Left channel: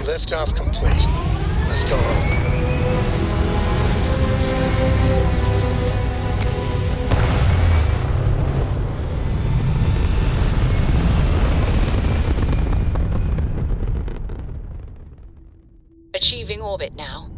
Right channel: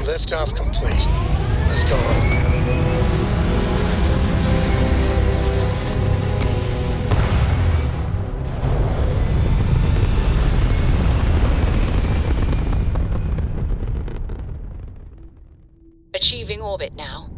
Liftoff complete. Let's go home. Achieving orbit now.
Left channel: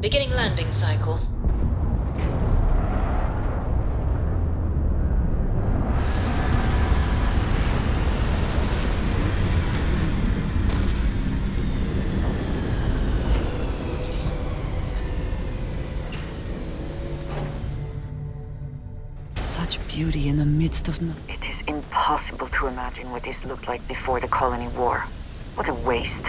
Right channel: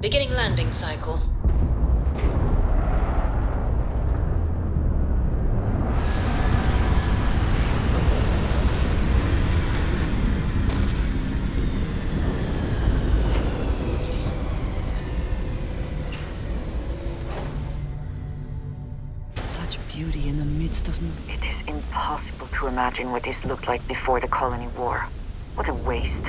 Beginning landing cycle. Such beauty in the midst of... It is impossible to imagine what this looked like before the Colony War. What a waste.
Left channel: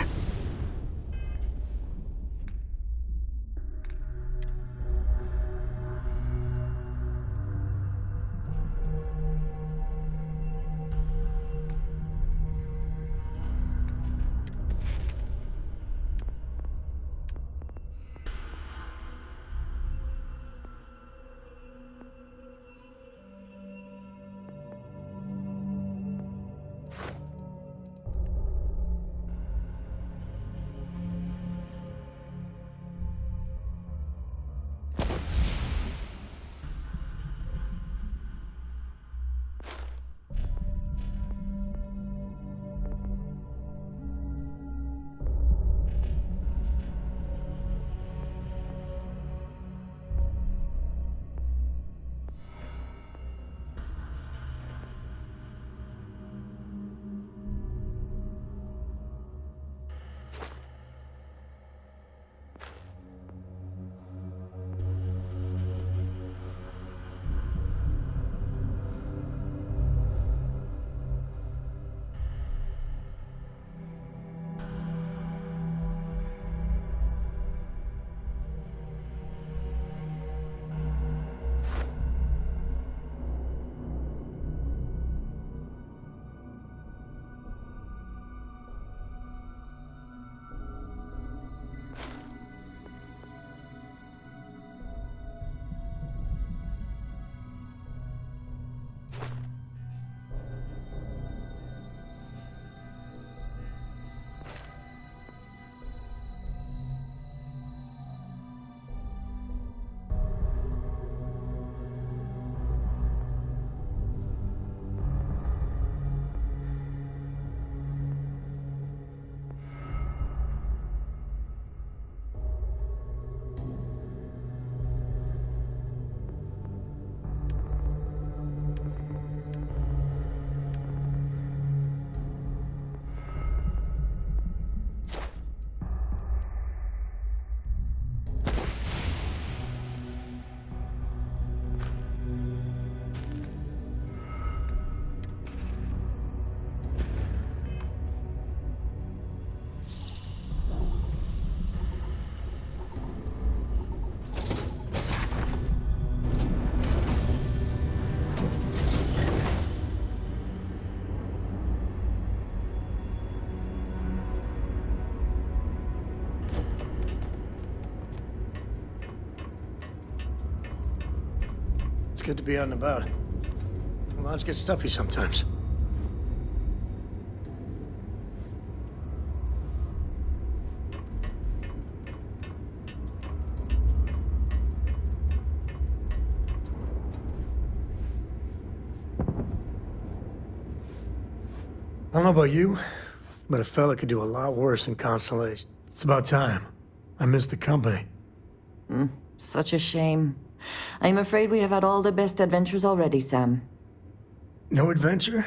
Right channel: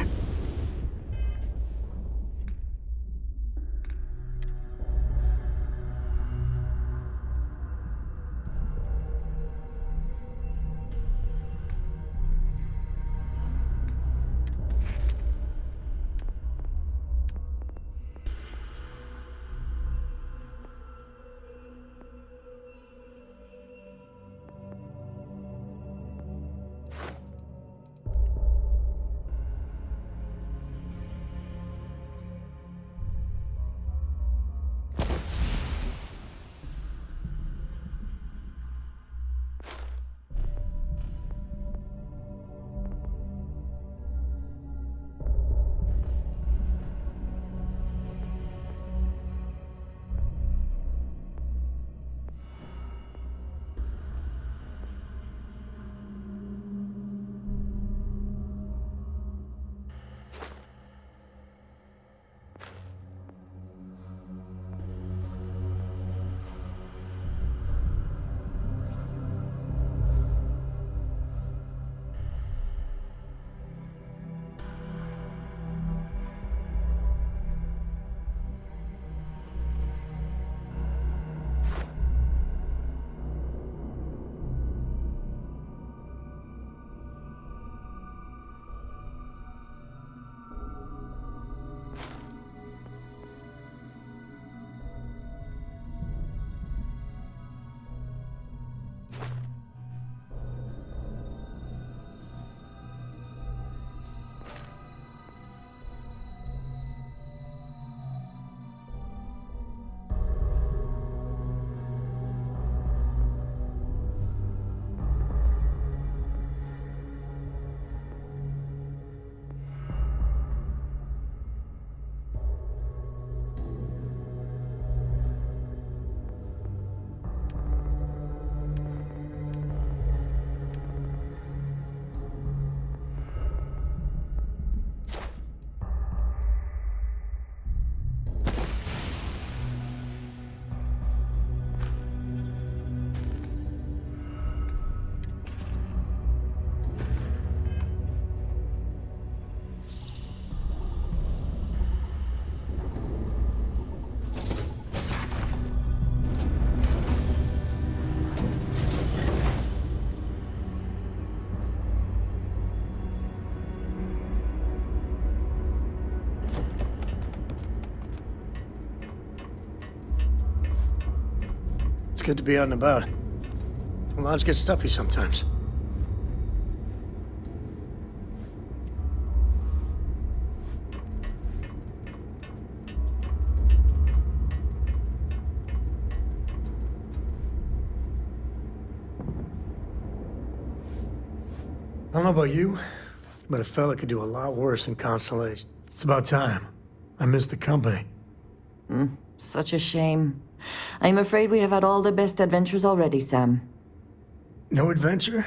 It's good to be out and about. Lives get stuffy sometimes. I don't know about you, but a fella could do a lot worse in Constellation. It's about time. I miss the company. Such a shame. I'm afraid we have had all the best adventures already, Sam. No adventure?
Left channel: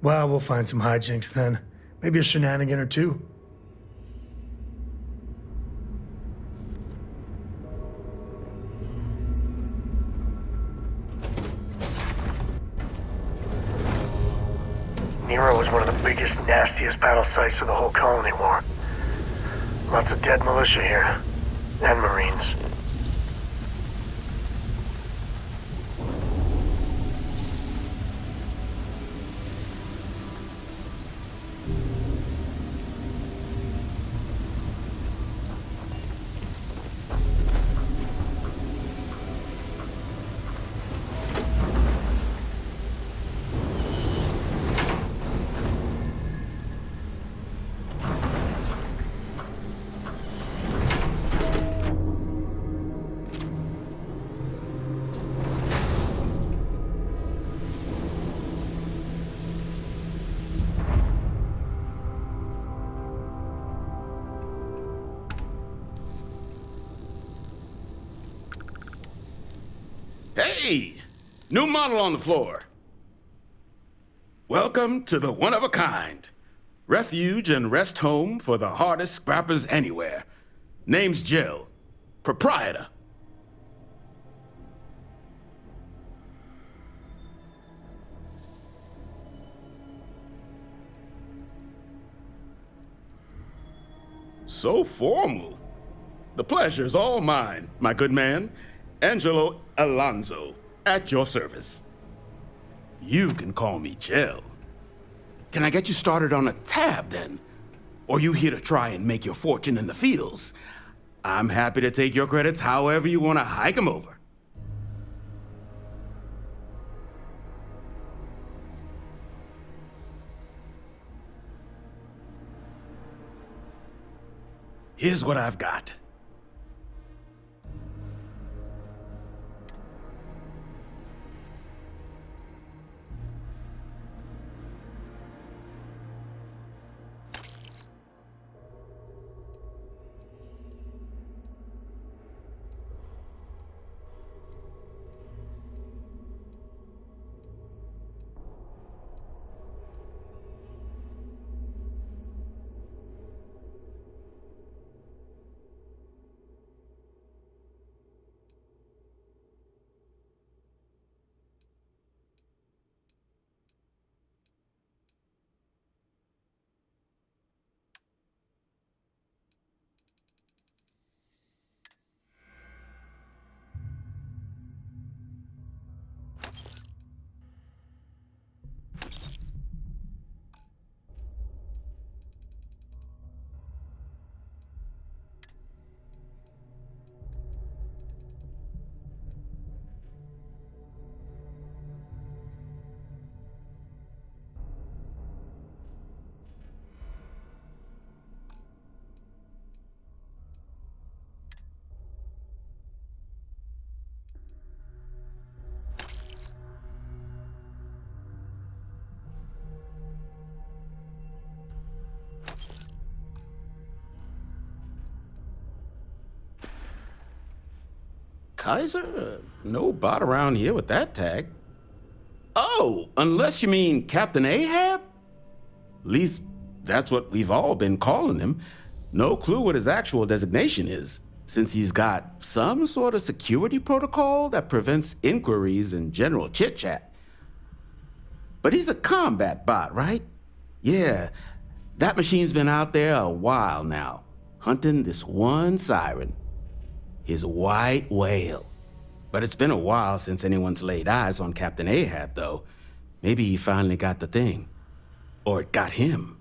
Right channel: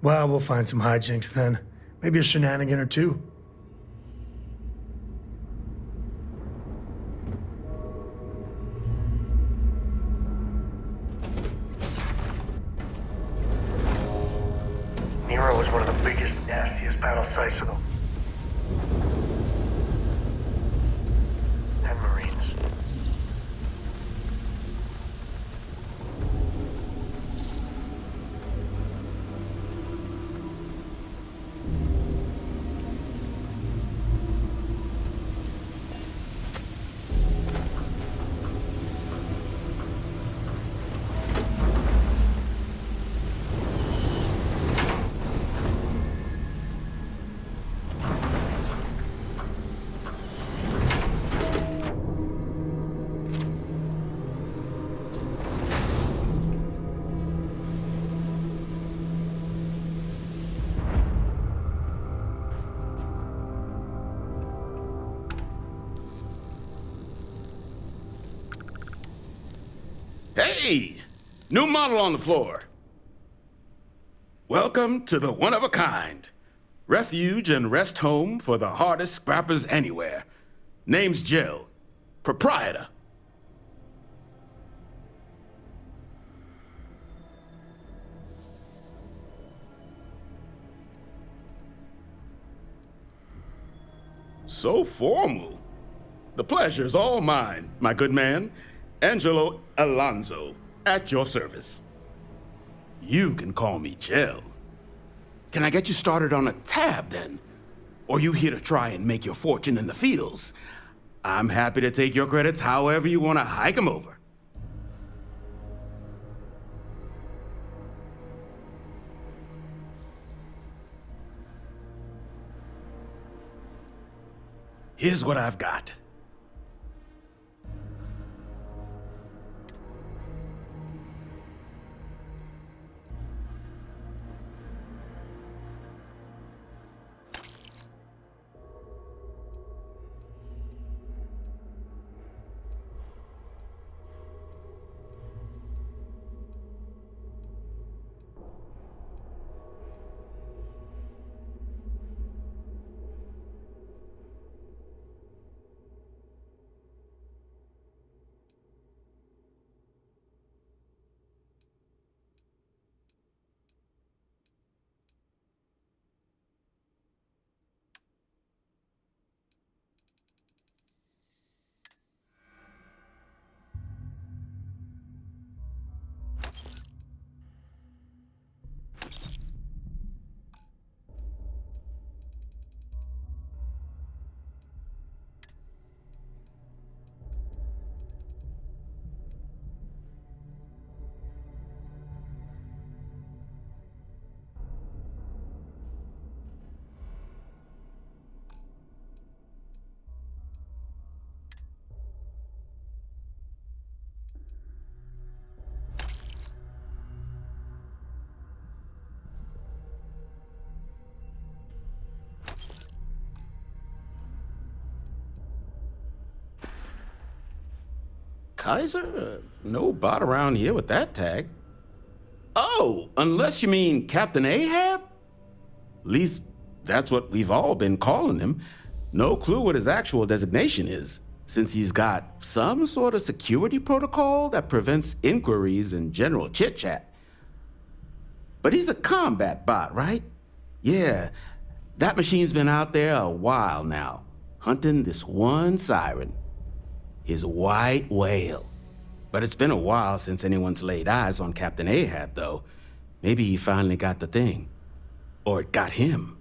Well, we'll find some hijinks then. Maybe a shenanigan or two. Nero was one of the biggest, nastiest battle sites of the whole colony war. Lots of dead militia here. And Marines. Hey! New model on the floor. Welcome to the one-of-a-kind. Refuge and rest home for the hardest scrappers anywhere. Name's Jill. Proprietor. So formal. The pleasure's all mine, my good man. Angelo Alonso, at your service. You can call me Jill. Can I get you started on a tab, then? Or you here to try and make your fortune in the fields? I'm happy to take your credits however you want to hike them over. Here's what I've got. Kaiser? No bot around here with that tag. Oh, unless you mean Captain Ahab? At least that's what we've all been calling him. No clue what his actual designation is, since he's got some sort of security protocol that prevents inquiries and general chit-chat. But he's a combat bot, right? Yeah, that machine's been out there a while now, hunting this one siren. His white whale. But it's been a while since anyone's laid eyes on Captain Ahab, though. Maybe he finally got the thing. Or it got him.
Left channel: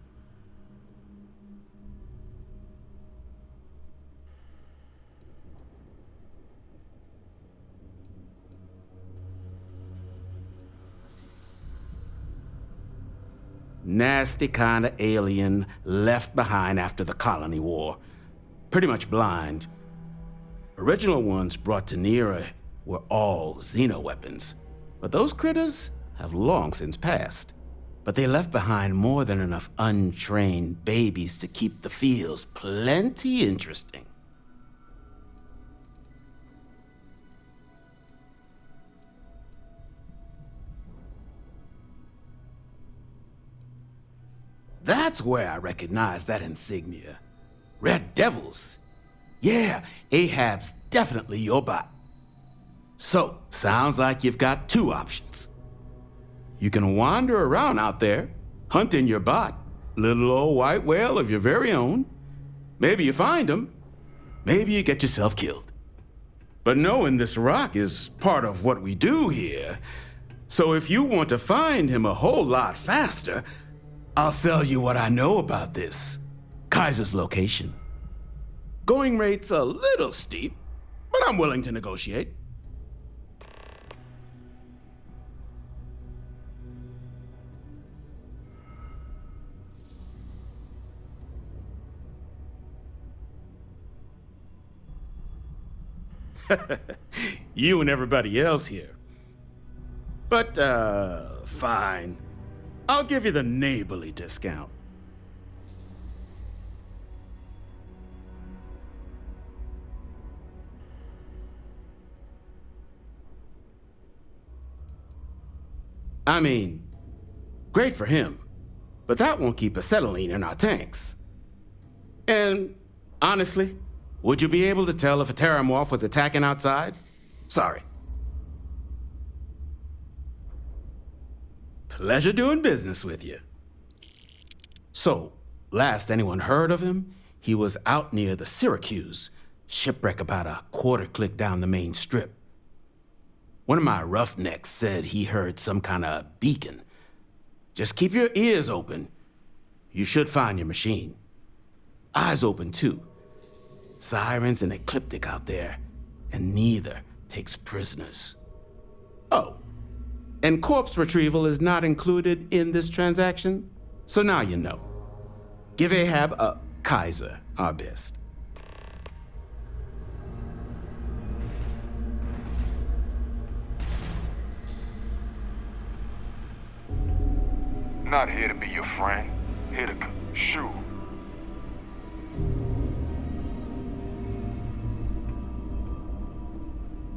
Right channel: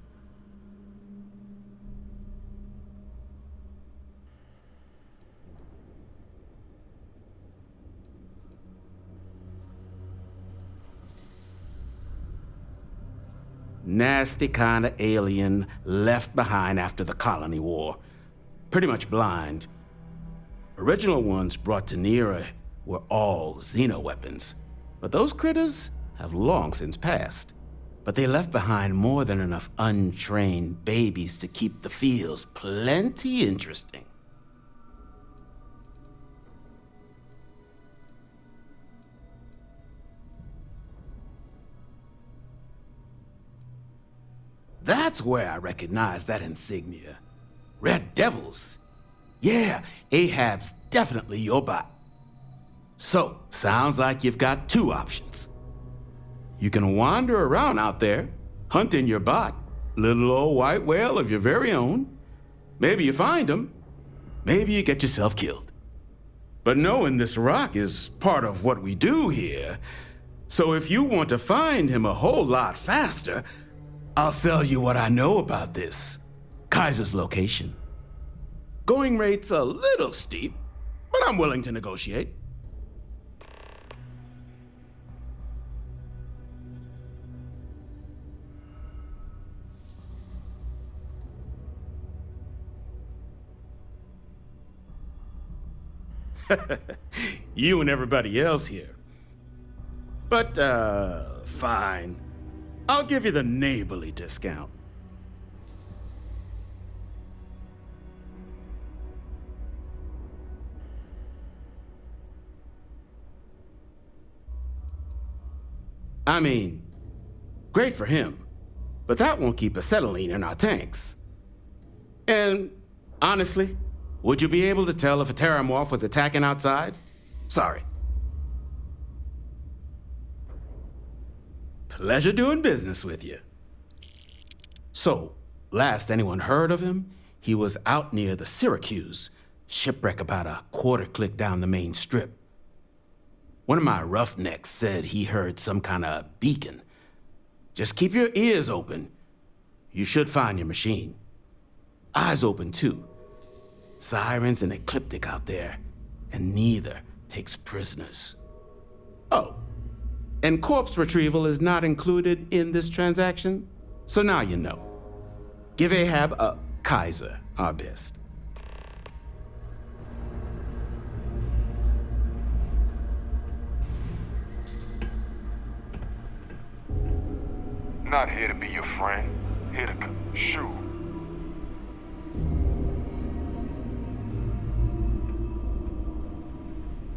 Nasty kind of alien left behind after the Colony War. Pretty much blind. Original ones brought to Nero were all xeno-weapons, but those critters have long since passed. But they left behind more than enough untrained babies to keep the fields plenty interesting. That's where I recognize that insignia. Red Devils. Yeah, Ahab's definitely your bot. So, sounds like you've got two options. You can wander around out there, hunting your bot, little old white whale of your very own. Maybe you find him, maybe you get yourself killed. But knowing this rock is part of what we do here, so if you want to find him a whole lot faster, I'll sell you what I know about this. Kaiser's location. Going rate's a little steep, but I'm willing to negotiate. You and everybody else here. But, fine. I'll give you the neighborly discount. I mean, great for him, but that won't keep acetylene in our tanks. And honestly, would you be able to tell if a Terramorph was attacking outside? Sorry. Pleasure doing business with you. So, last anyone heard of him, he was out near the Syracuse, shipwreck about a quarter click down the main strip. One of my roughnecks said he heard some kind of beacon. Just keep your ears open. You should find your machine. Eyes open, too. Sirens and Ecliptic out there, and neither takes prisoners. Oh, and corpse retrieval is not included in this transaction, so now you know. Give Ahab Kaiser our best. Not here to be your friend, here to shoot.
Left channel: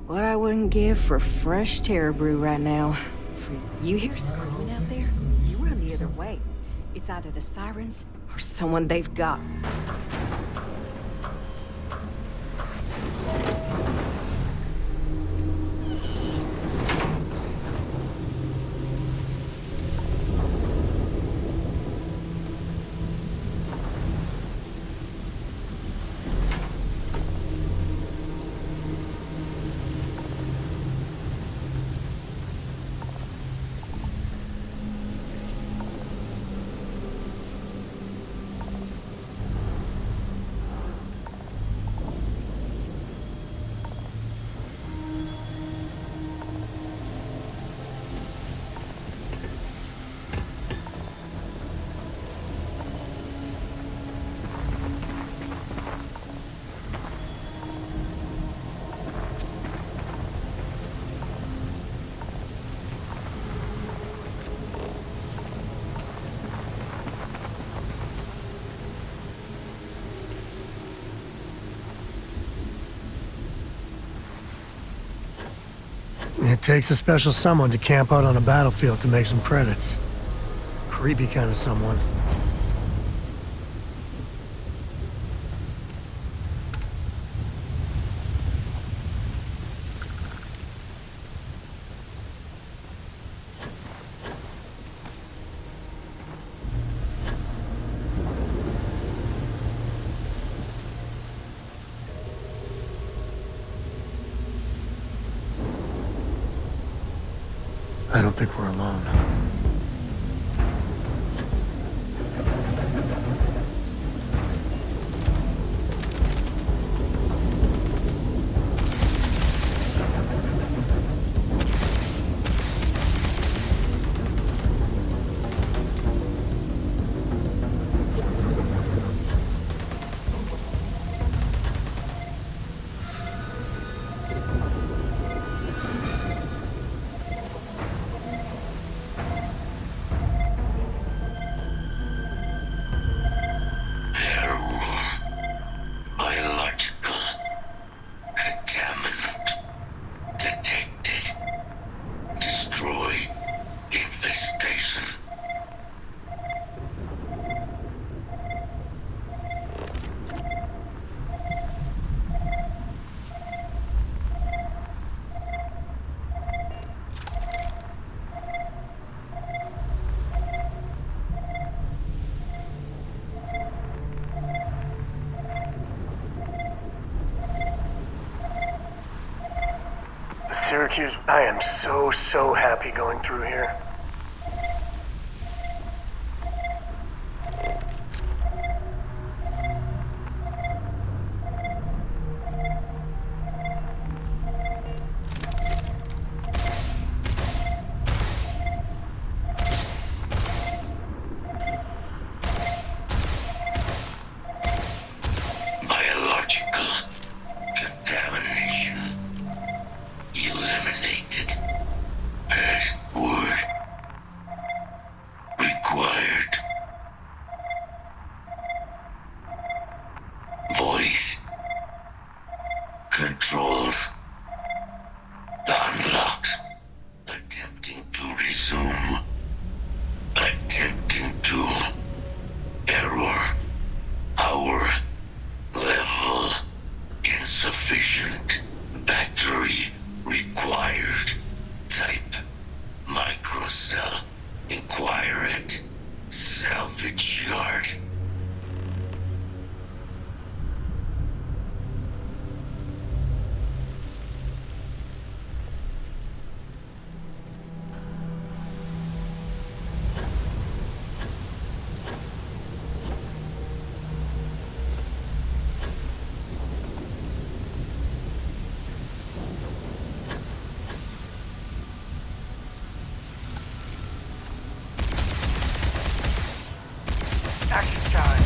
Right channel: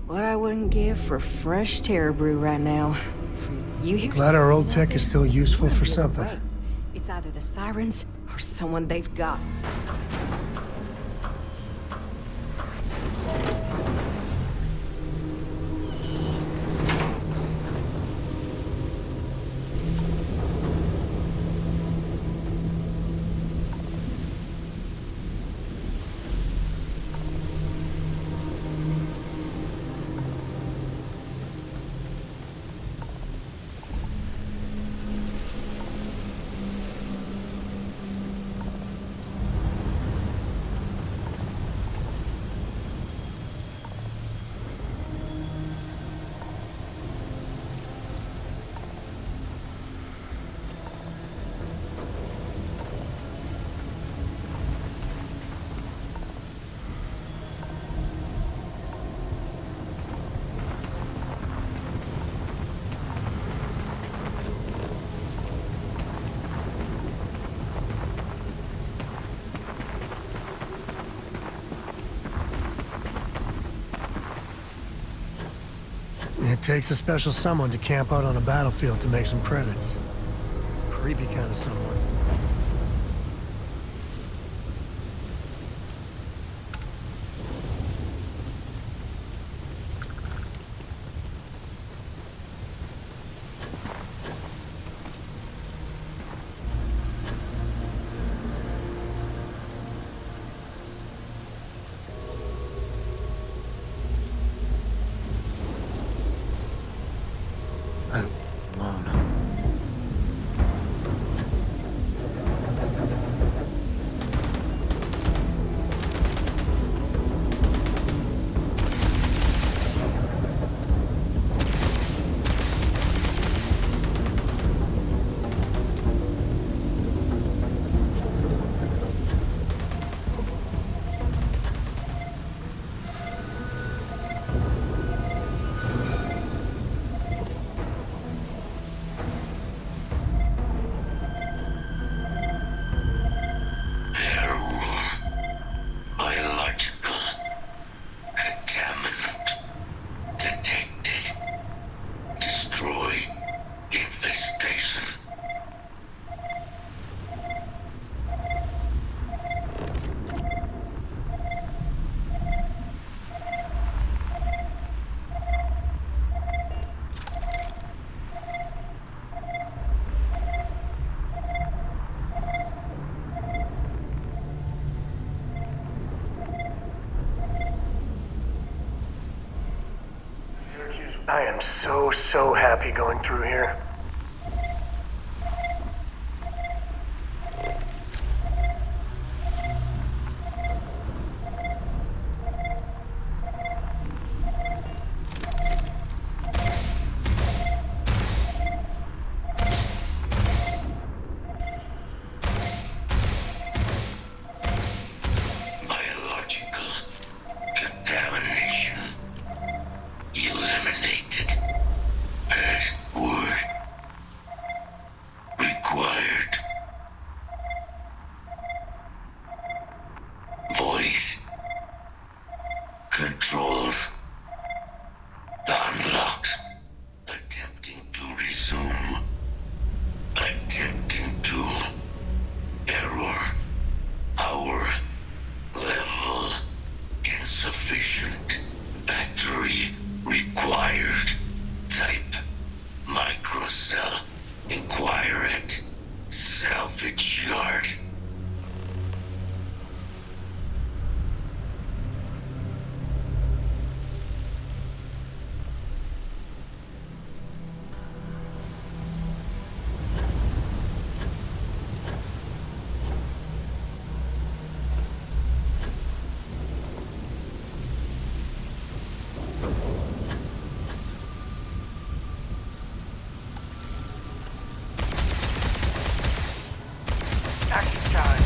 What I wouldn't give for fresh Terror Brew right now. You hear? Glad our old someone out tech is there? still useful Run for the other something. way. It's either the sirens or someone they've got. It takes a special someone to camp out on a battlefield to make some credits. Creepy kind of someone. I don't think we're alone. Syracuse. I am so happy going through here. Biological contamination eliminated. Password required. Voice controls unlocked. Attempting to resume. Attempting to error. Power level insufficient. Battery required. Type microcell. Inquire at salvage yard. Action time.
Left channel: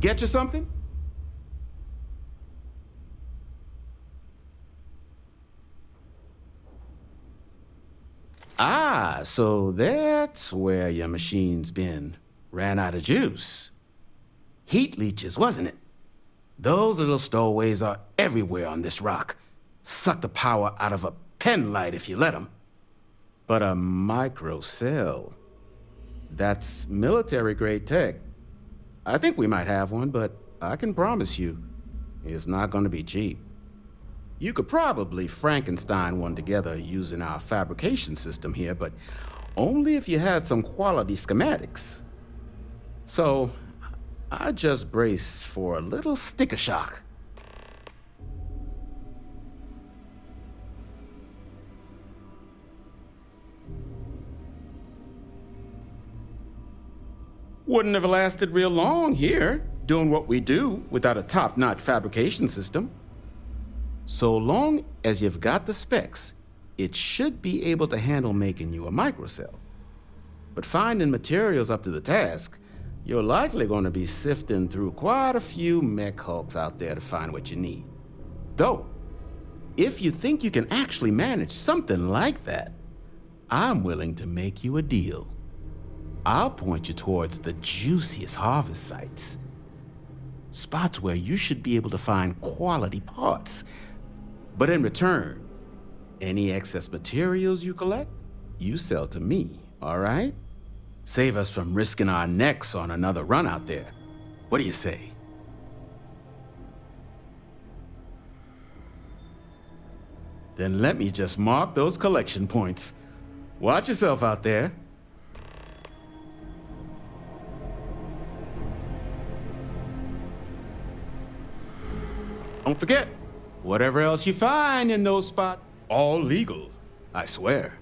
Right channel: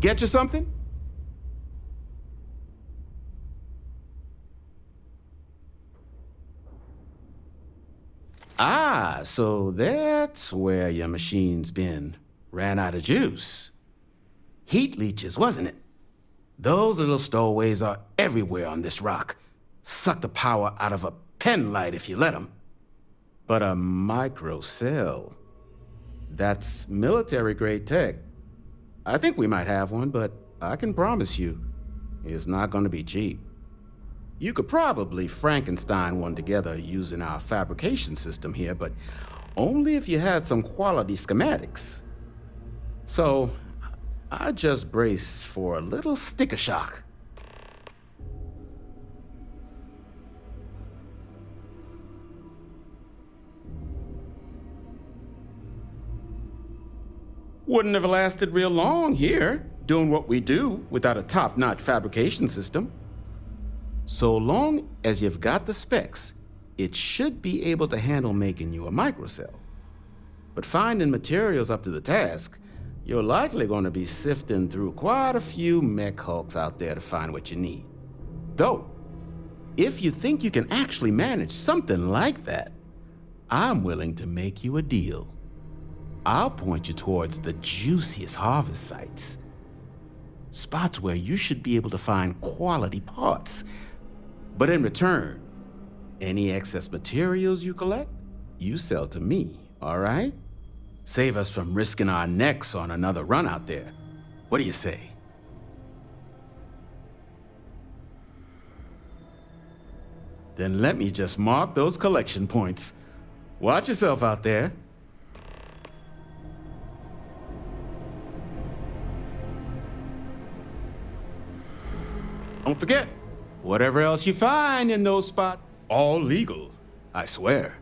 Get you something? Ah, so that's where your machine's been. Ran out of juice. Heat leeches, wasn't it? Those little stowaways are everywhere on this rock. Suck the power out of a pen light if you let them. But a microcell, that's military-grade tech. I think we might have one, but I can promise you, it's not going to be cheap. You could probably Frankenstein one together using our fabrication system here, but only if you had some quality schematics. So, I just brace for a little sticker shock. Wouldn't have lasted real long here, doing what we do without a top-notch fabrication system. So long as you've got the specs, it should be able to handle making you a microcell. But finding materials up to the task, you're likely going to be sifting through quite a few mech hulks out there to find what you need. Though, if you think you can actually manage something like that, I'm willing to make you a deal. I'll point you towards the juiciest harvest sites. Spots where you should be able to find quality parts. But in return, any excess materials you collect, you sell to me, all right? Save us from risking our necks on another run out there. What do you say? Then let me just mark those collection points. Watch yourself out there. Don't forget, whatever else you find in those spots, all legal, I swear.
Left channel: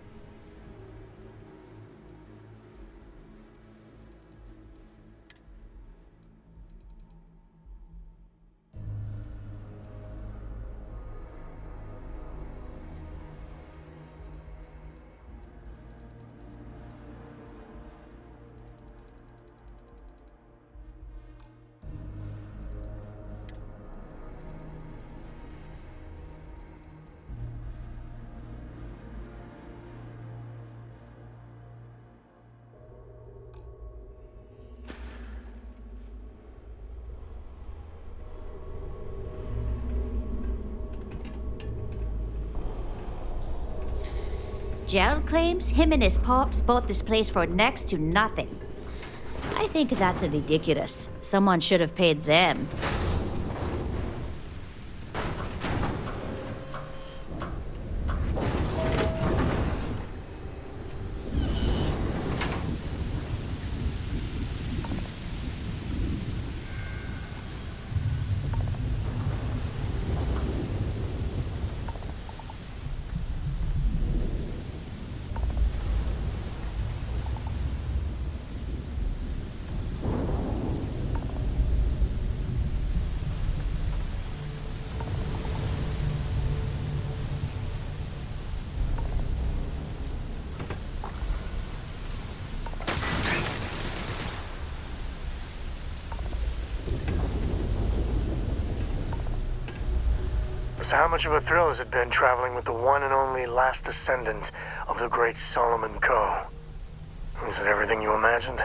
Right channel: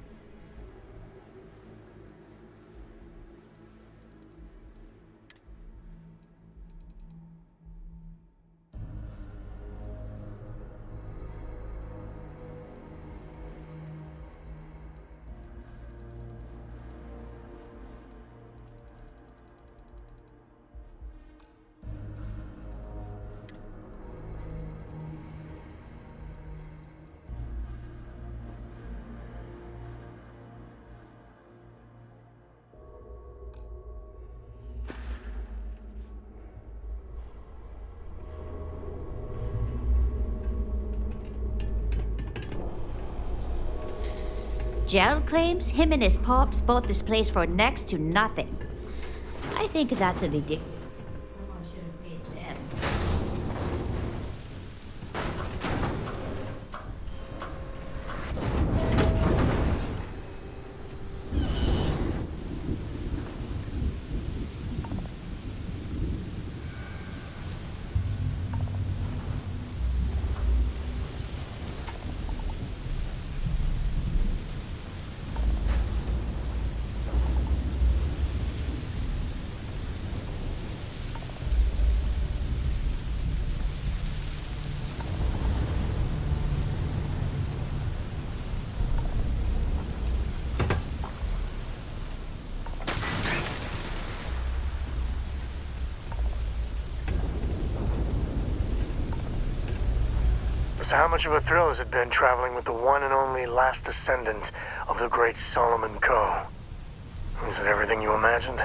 Gerald claims him and his pops bought this place for next to nothing. I think that's ridiculous. Someone should have paid them. So how much of a thrill has it been traveling with the one and only last descendant of the great Solomon Coe? Is it everything you imagined?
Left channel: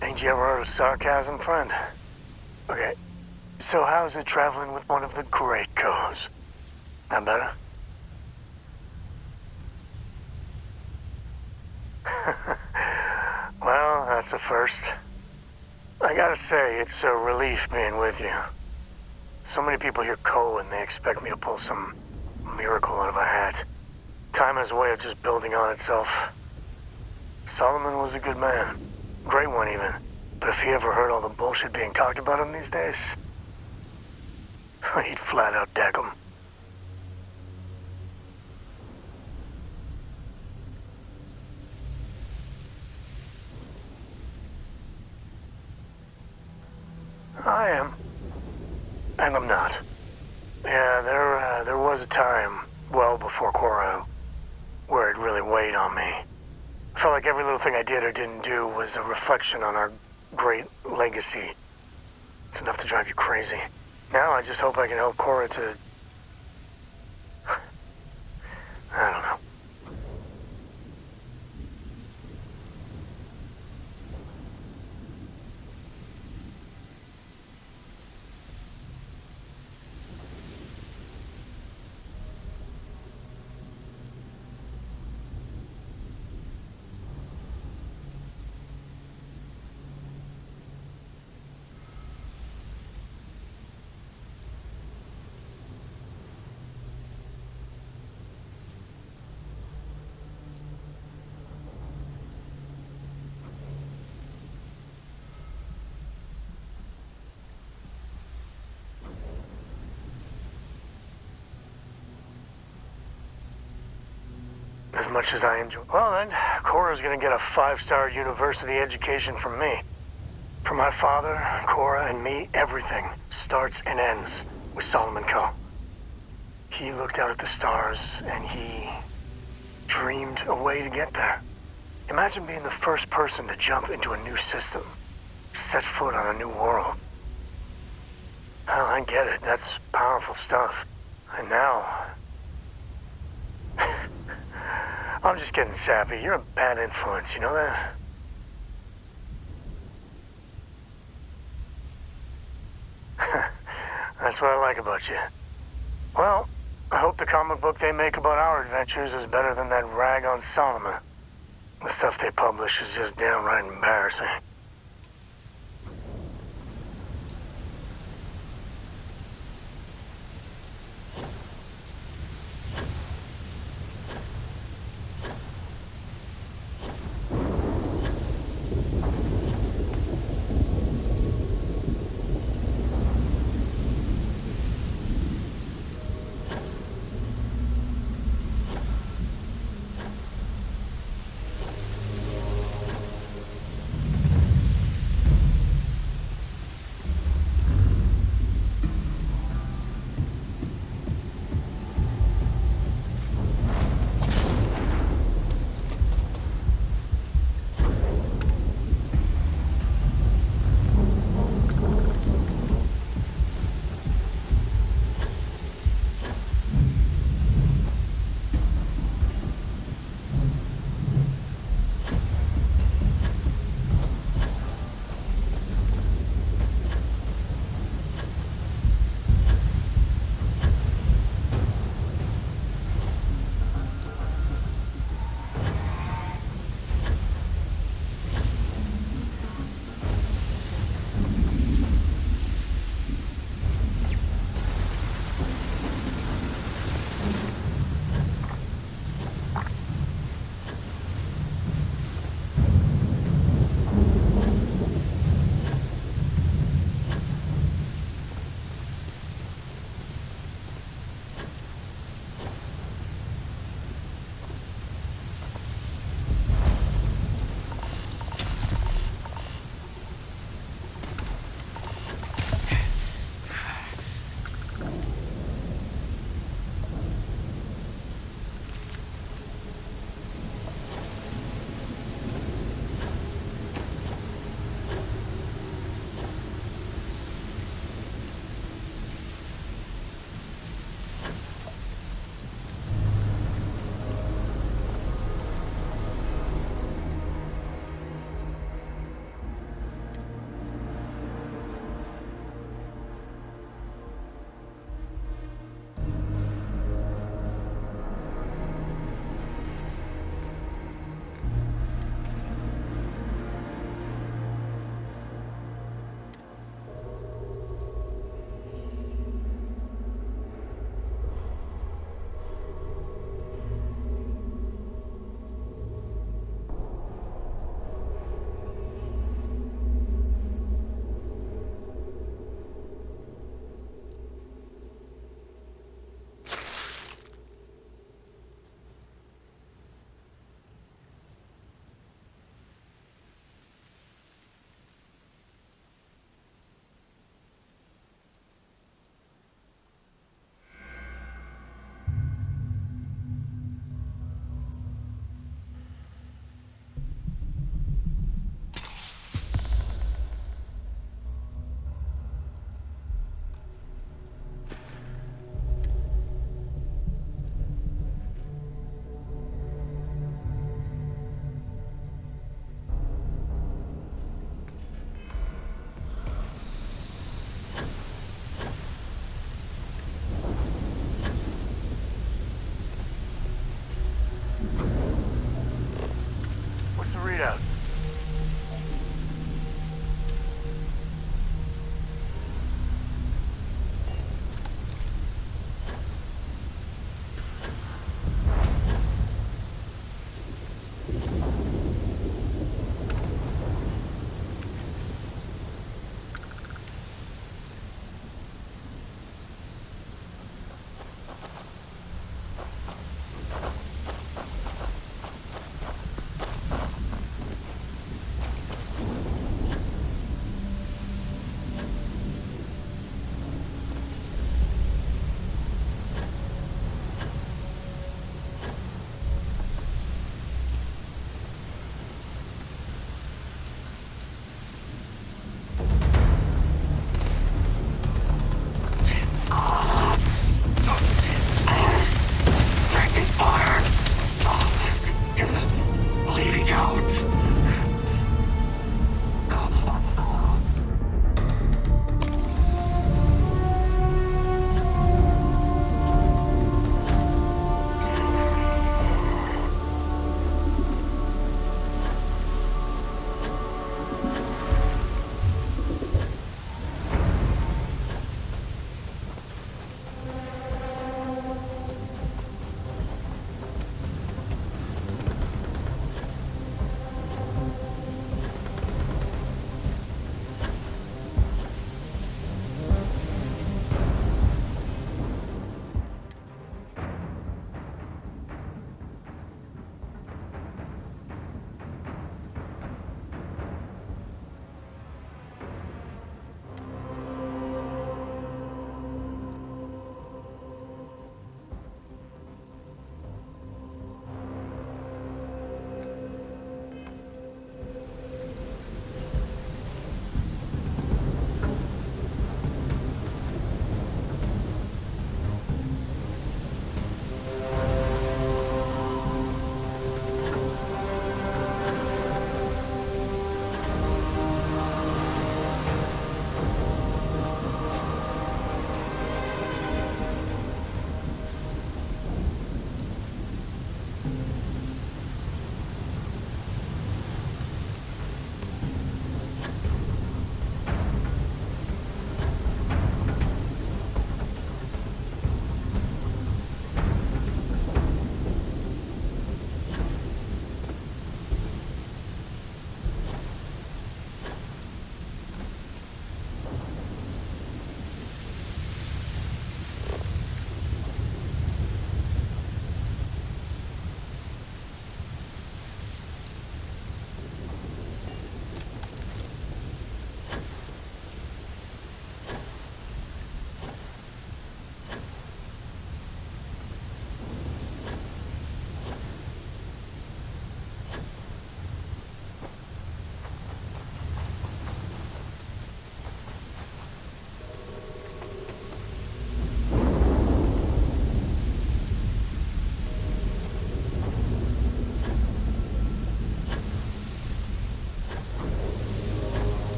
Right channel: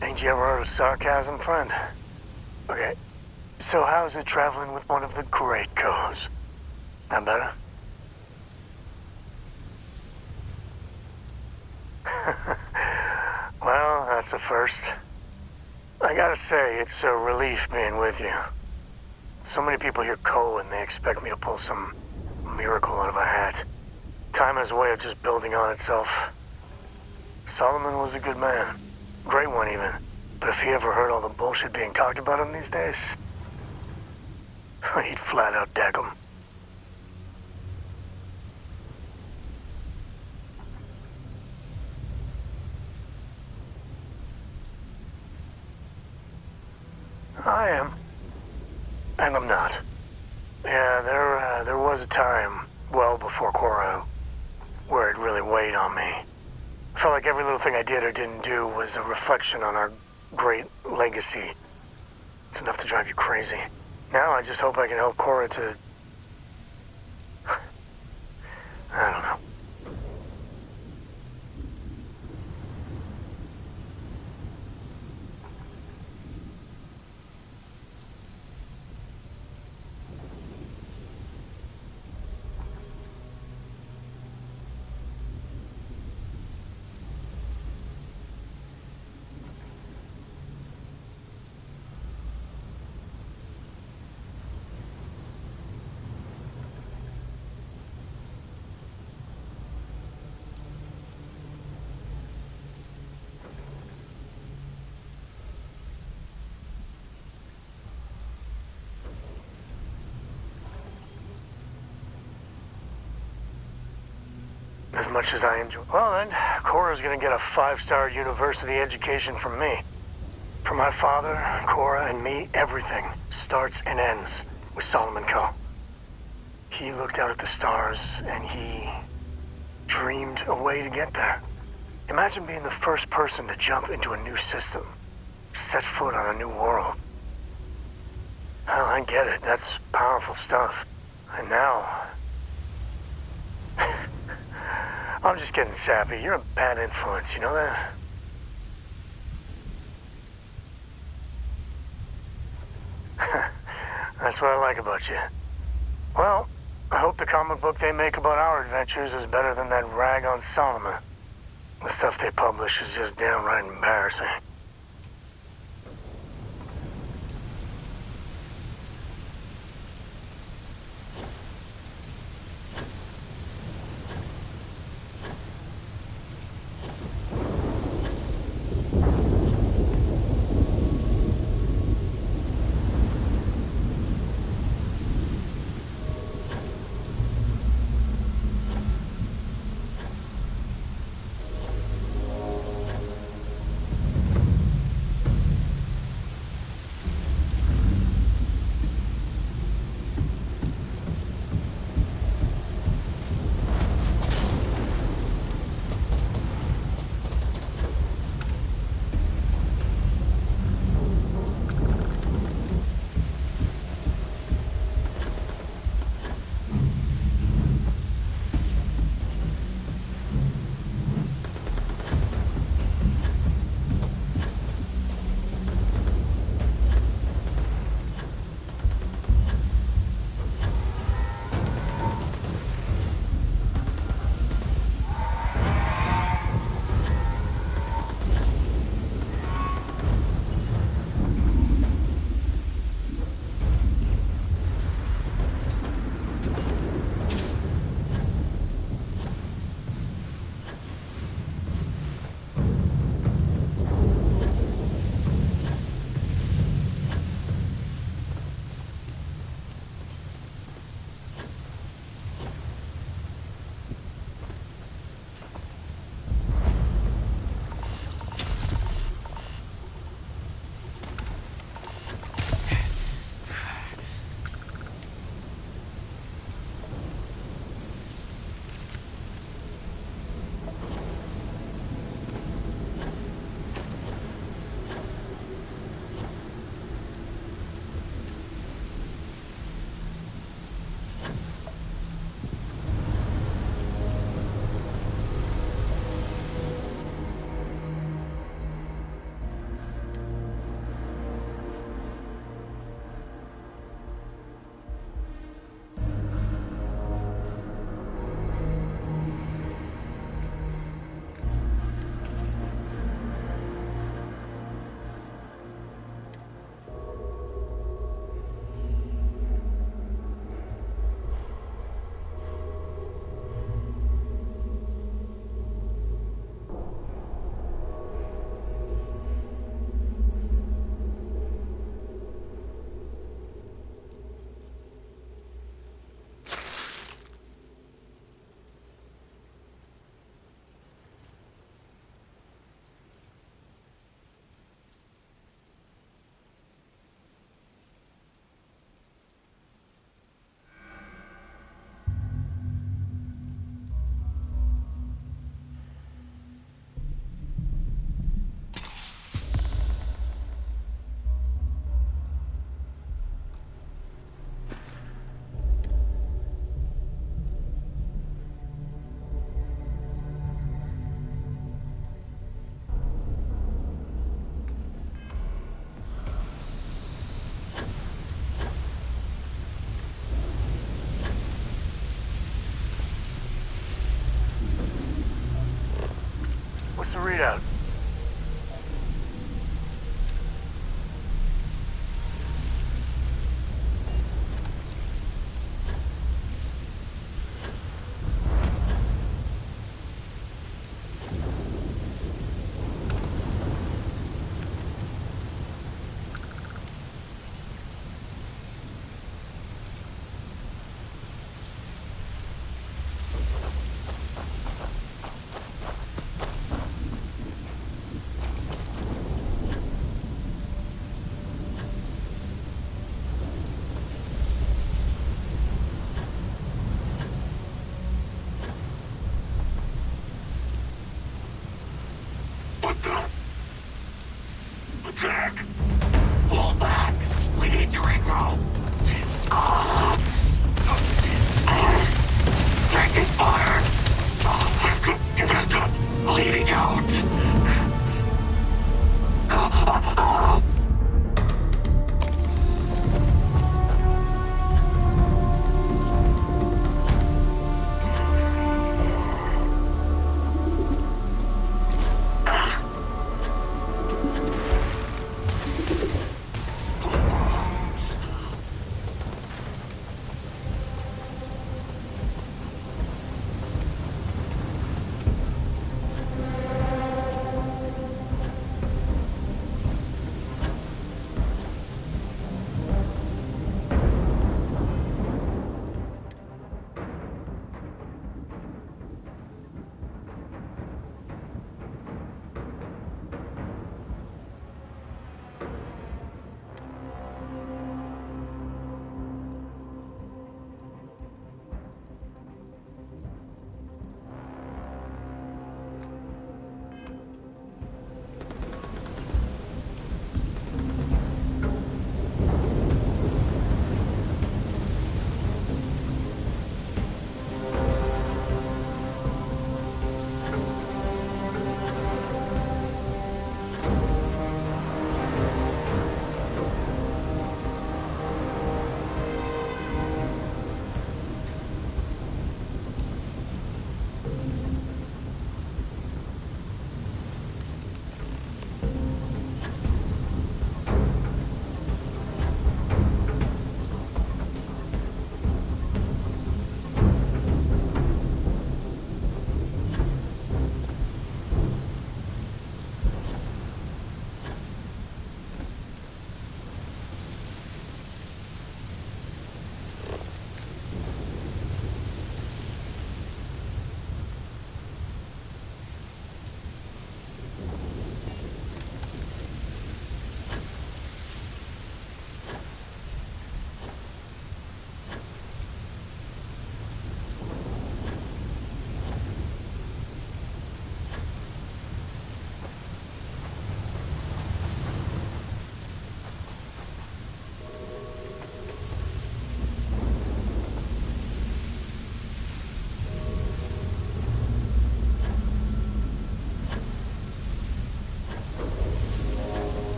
Ain't you ever heard of sarcasm, friend? Okay, so how's it traveling with one of the great Coes? That better? Well, that's a first. I gotta say, it's a relief being with you. So many people hear Coe and they expect me to pull some miracle out of a hat. Time has a way of just building on itself. Solomon was a good man. Great one, even. But if he ever heard all the bullshit being talked about him these days, he'd flat out deck him. I am. And I'm not. Yeah, there was a time, well before Cora, where it really weighed on me. I felt like every little thing I did or didn't do was a reflection on our great legacy. It's enough to drive you crazy. Now I just hope I can help Cora to... I don't know. As much as I enjoy... Well then, Cora's gonna get a 5-star university education from me. For my father, Cora, and me, everything starts and ends with Solomon Coe. He looked out at the stars, and he dreamed a way to get there. Imagine being the first person to jump into a new system, set foot on a new world. Hell, I get it. That's powerful stuff. And now... I'm just getting sappy. You're a bad influence, you know that? That's what I like about you. Well, I hope the comic book they make about our adventures is better than that rag on Solomon. The stuff they publish is just downright embarrassing. What's the readout?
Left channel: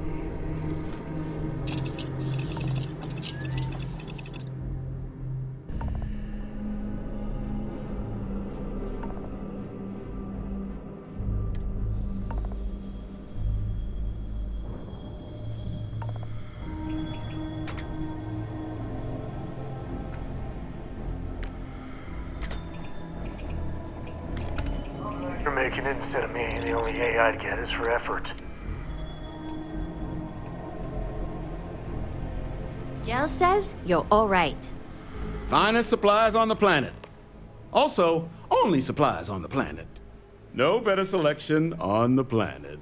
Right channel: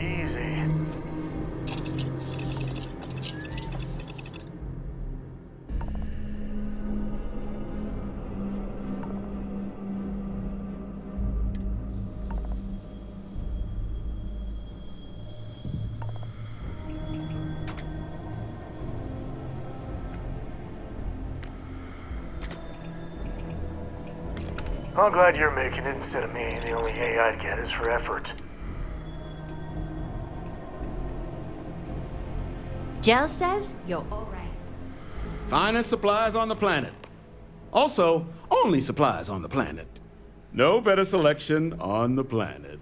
Easy. I'm glad you're making it instead of me. The only A I'd get is for effort. Gel says you're all right. Finest supplies on the planet. Also, only supplies on the planet. No better selection on the planet.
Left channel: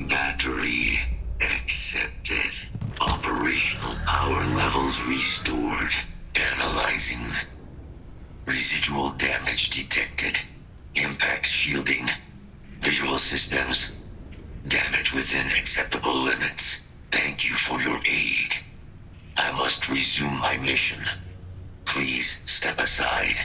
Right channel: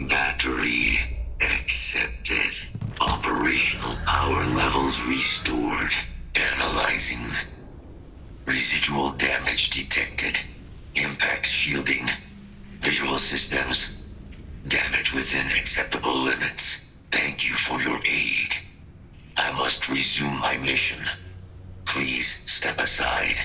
Battery accepted. Operational power levels restored. Analyzing. Residual damage detected. Impact shielding. Visual systems. Damage within acceptable limits. Thank you for your aid. I must resume my mission. Please step aside.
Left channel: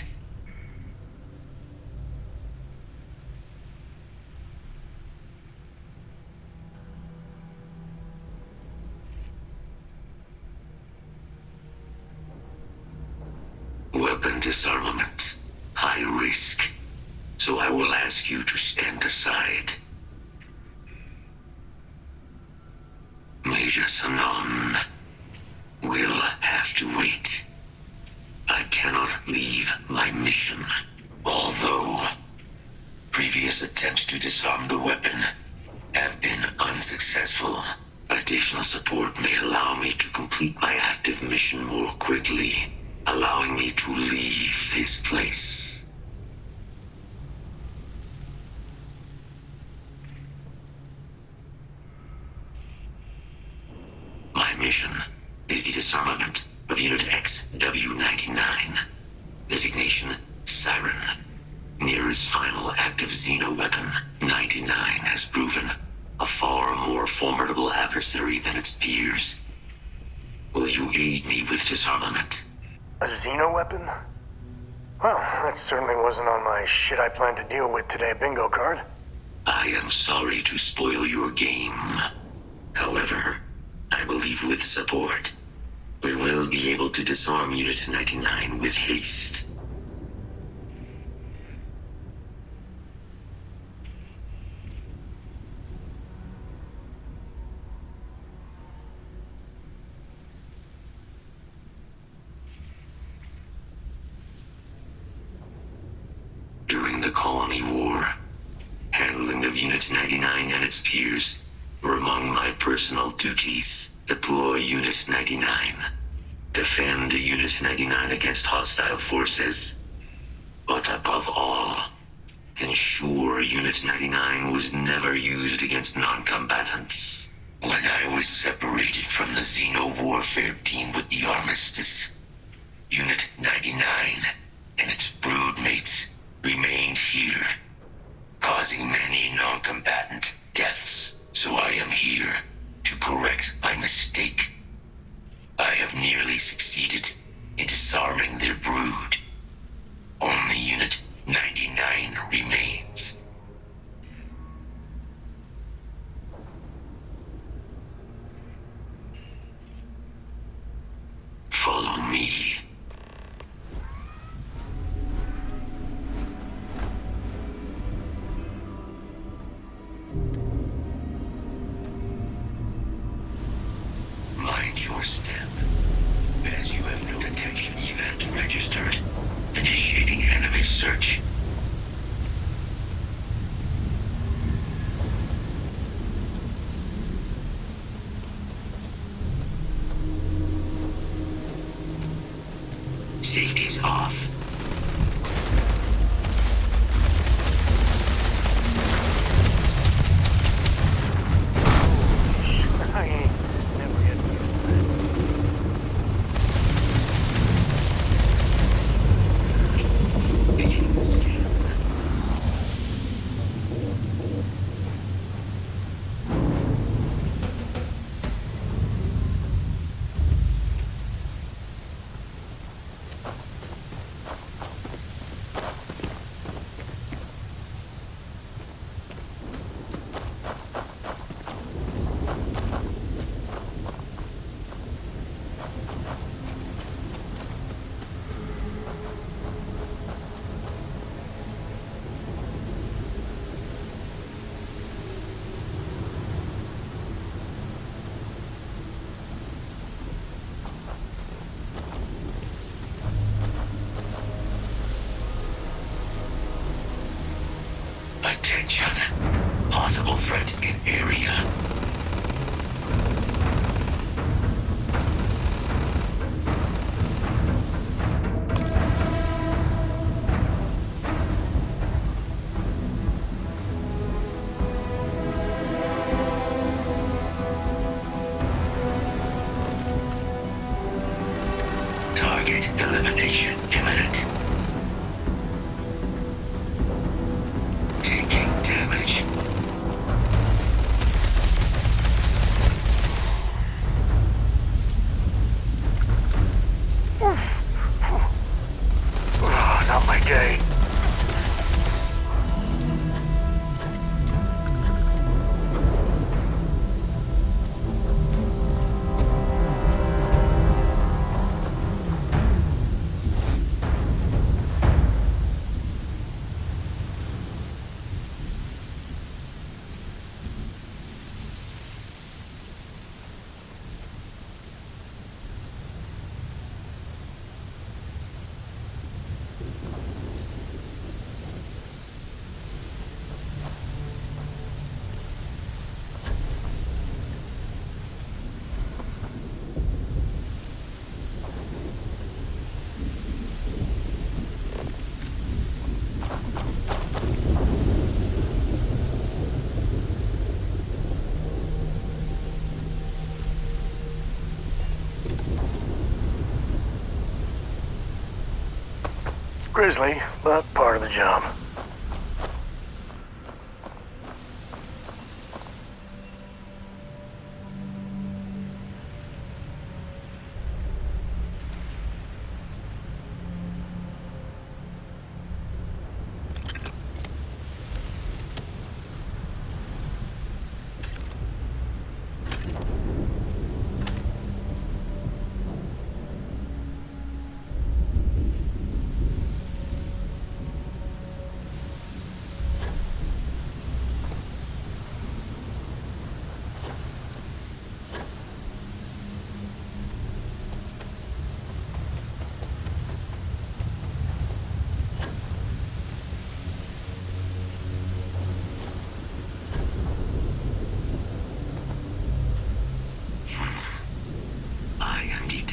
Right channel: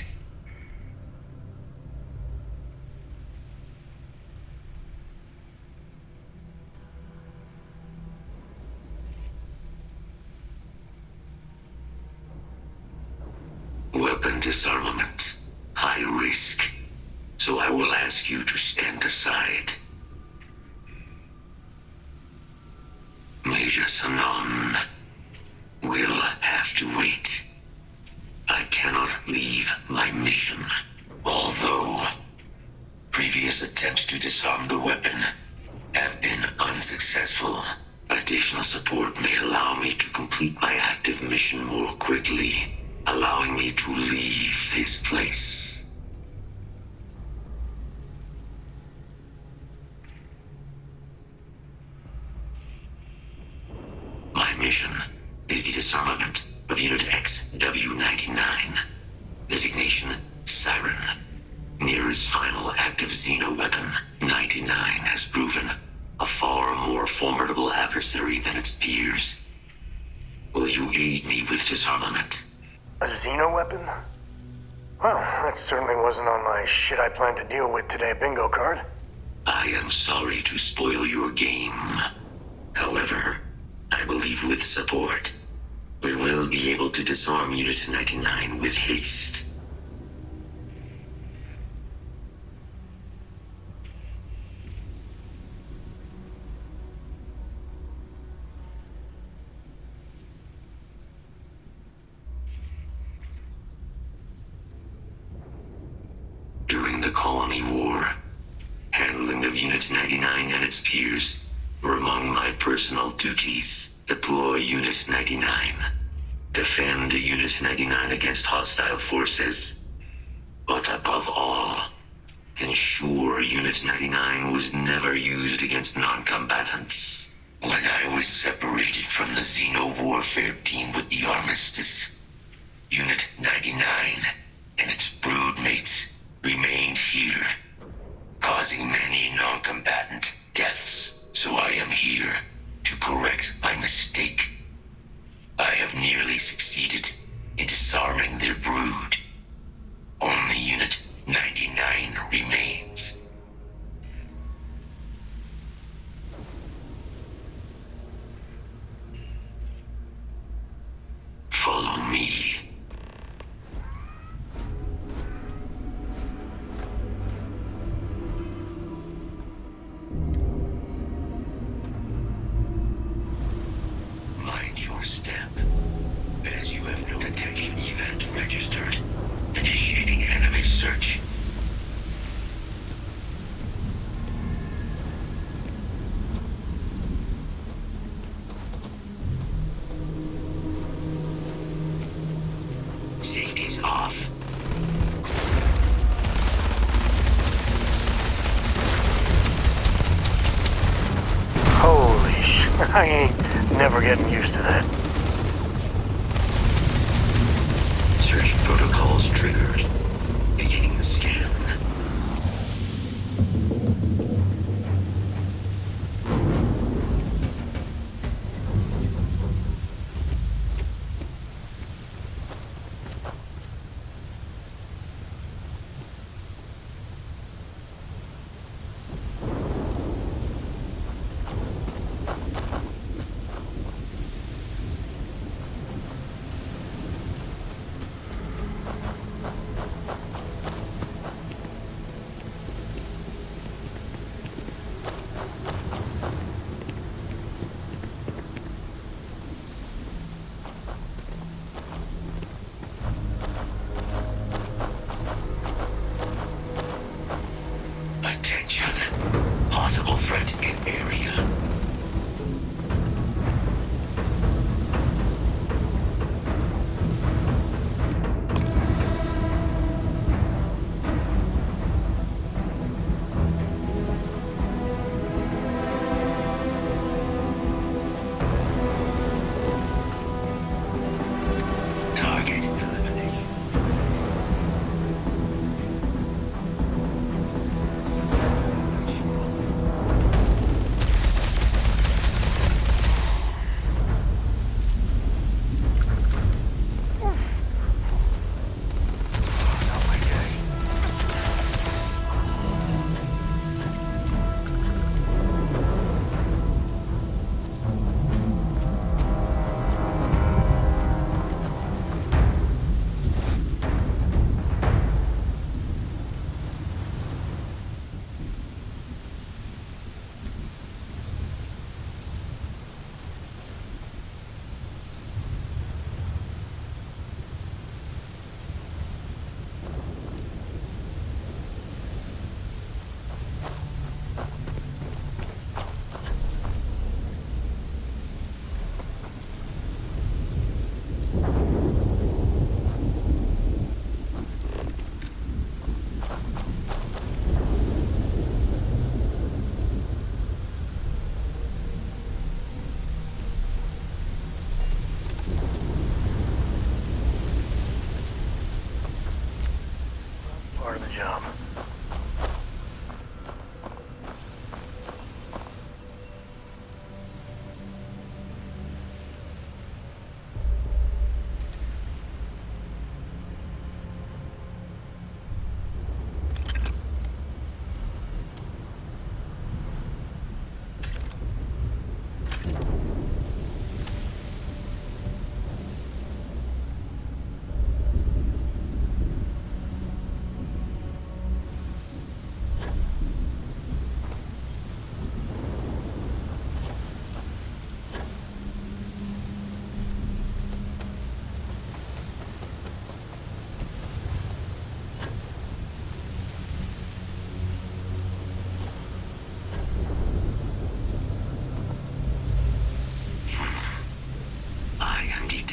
Weapon disarmament. High risk. So I will ask you to stand aside. Major Sanon will have to wait. I cannot leave my mission. Although previous attempts to disarm the weapon have been unsuccessful, additional support may allow me to complete my active mission more quickly, allowing me to leave this place. My mission is the disarmament of Unit XW-99. Designation, Siren. Nearest final active Xeno weapon, 99 has proven a far more formidable adversary than its peers. Will you aid me with disarmament? A Xeno weapon? Well, that certainly wasn't on my shit I planned to deal with today bingo card. I am sorry to spoil your game. However, I believe with support, we will be able to disarm Unit 99 with haste. Colony War. Handling of Unit 99 and its peers were among my personal duties. Deploy Unit 99. Defend Unit 99 against hostile forces. But above all, ensure Unit 99 was never used against non-combatants. When I was separated from the Xeno warfare team with the Armistice, Unit 99 and its broodmates remained here, causing many non-combatant deaths. So I am here to correct my mistake. I have nearly succeeded in disarming their brood. Only Unit 99 remains. Follow me. Mind your step. As you have no detection event registered. Initiating enemy search. Safety's off. Holy shit, I ain't never getting used to that. Search protocols triggered. Beginning the scan. Attention. Possible threat in area. Target elimination imminent. Taking damage. Oh, not my day. Grisly, but part of the job.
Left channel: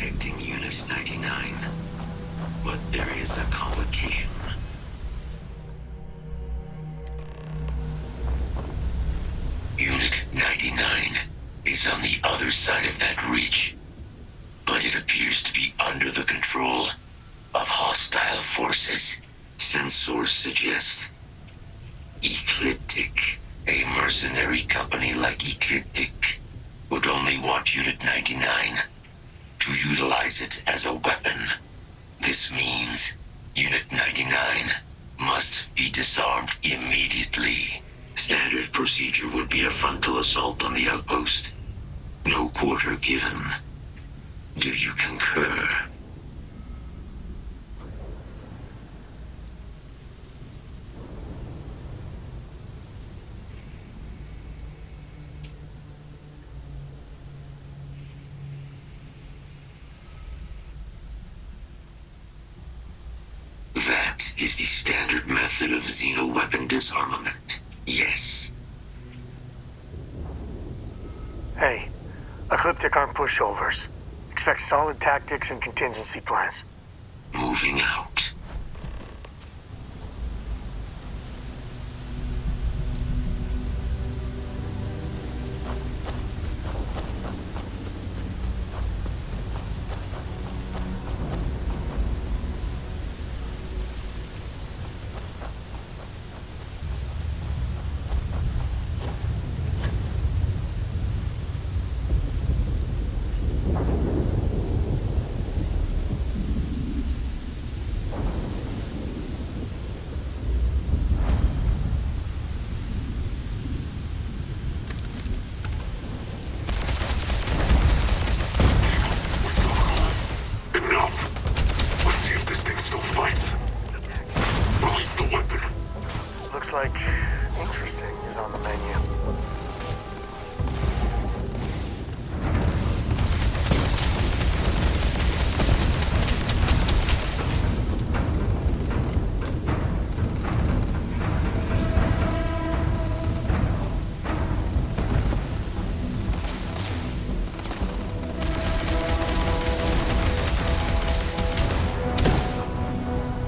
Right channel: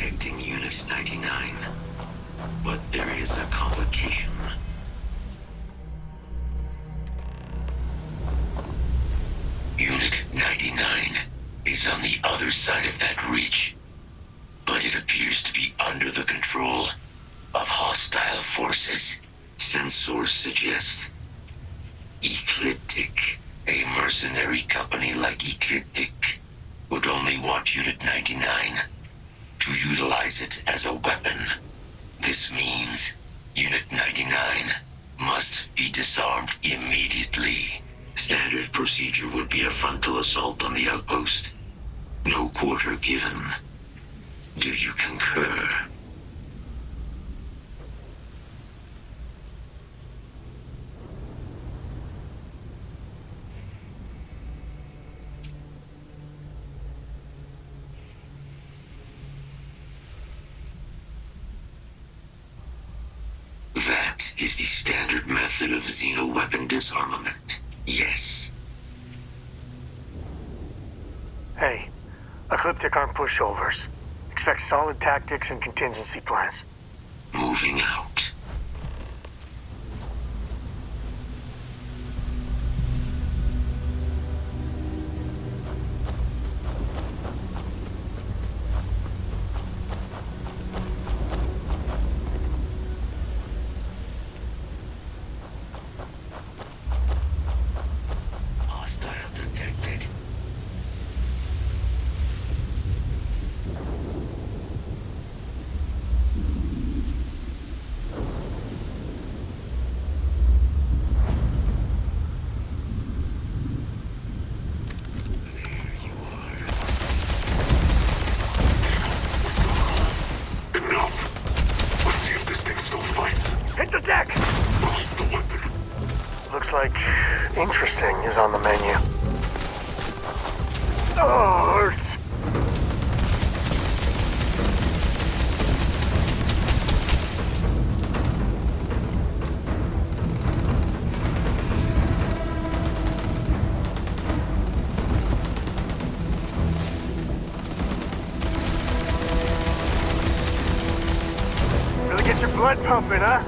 protecting Unit 99. But there is a complication. Unit 99 is on the other side of that ridge, but it appears to be under the control of hostile forces. Sensors suggest Ecliptic, a mercenary company like Ecliptic, would only want Unit 99 to utilize it as a weapon. This means Unit 99 must be disarmed immediately. Standard procedure would be a frontal assault on the outpost. No quarter given. Do you concur? That is the standard method of xeno-weapon disarmament. Yes. Hey, Ecliptic aren't pushovers. Expect solid tactics and contingency plans. Moving out. Hostile detected. Enough. Let's see if this thing still fights. Hit the deck! Release the weapon. Looks like interesting is on the menu. Oh, hurts. Gonna get your blood pumping, huh?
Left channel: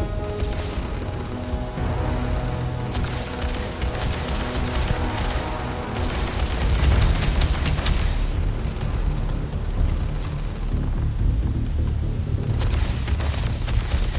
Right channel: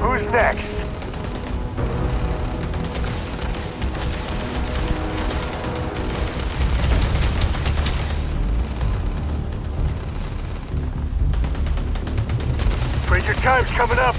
Who's next? Afraid your time's coming up.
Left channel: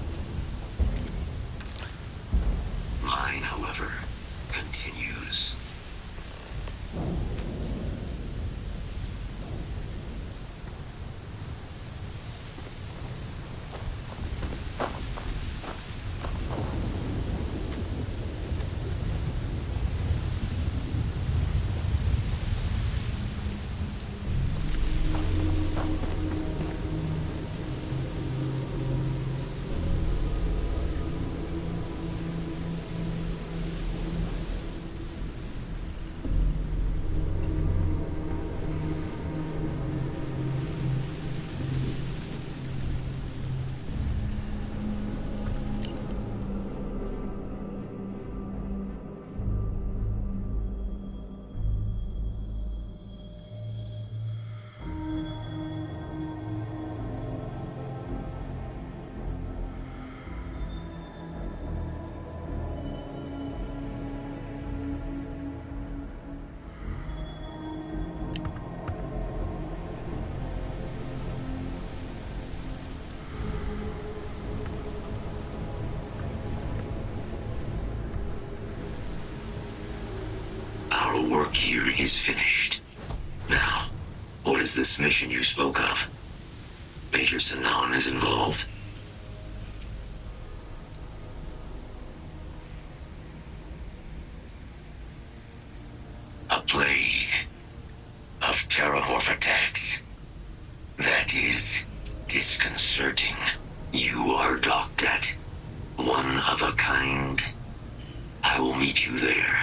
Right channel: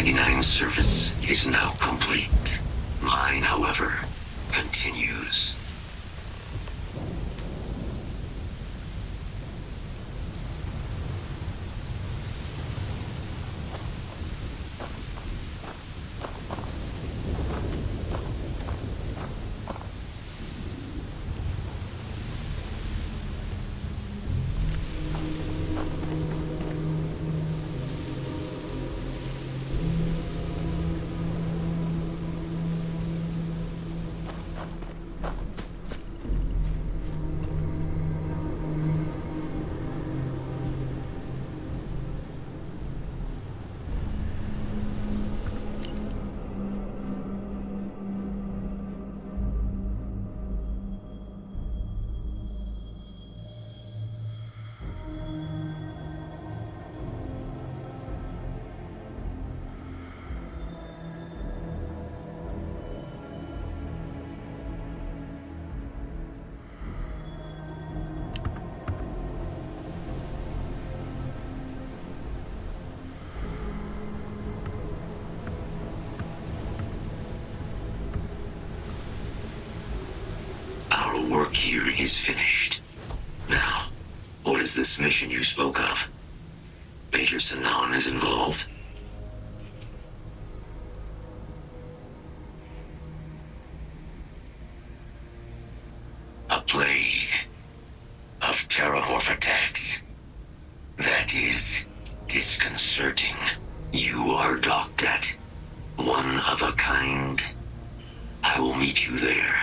99's service is now complete. Mine, however, continues. Our work here is finished. Now, what is this mission you spoke of? Major Sanan is involved? A plague of terramorph attacks. That is disconcerting. You are docked at one of a kind. I will meet you there.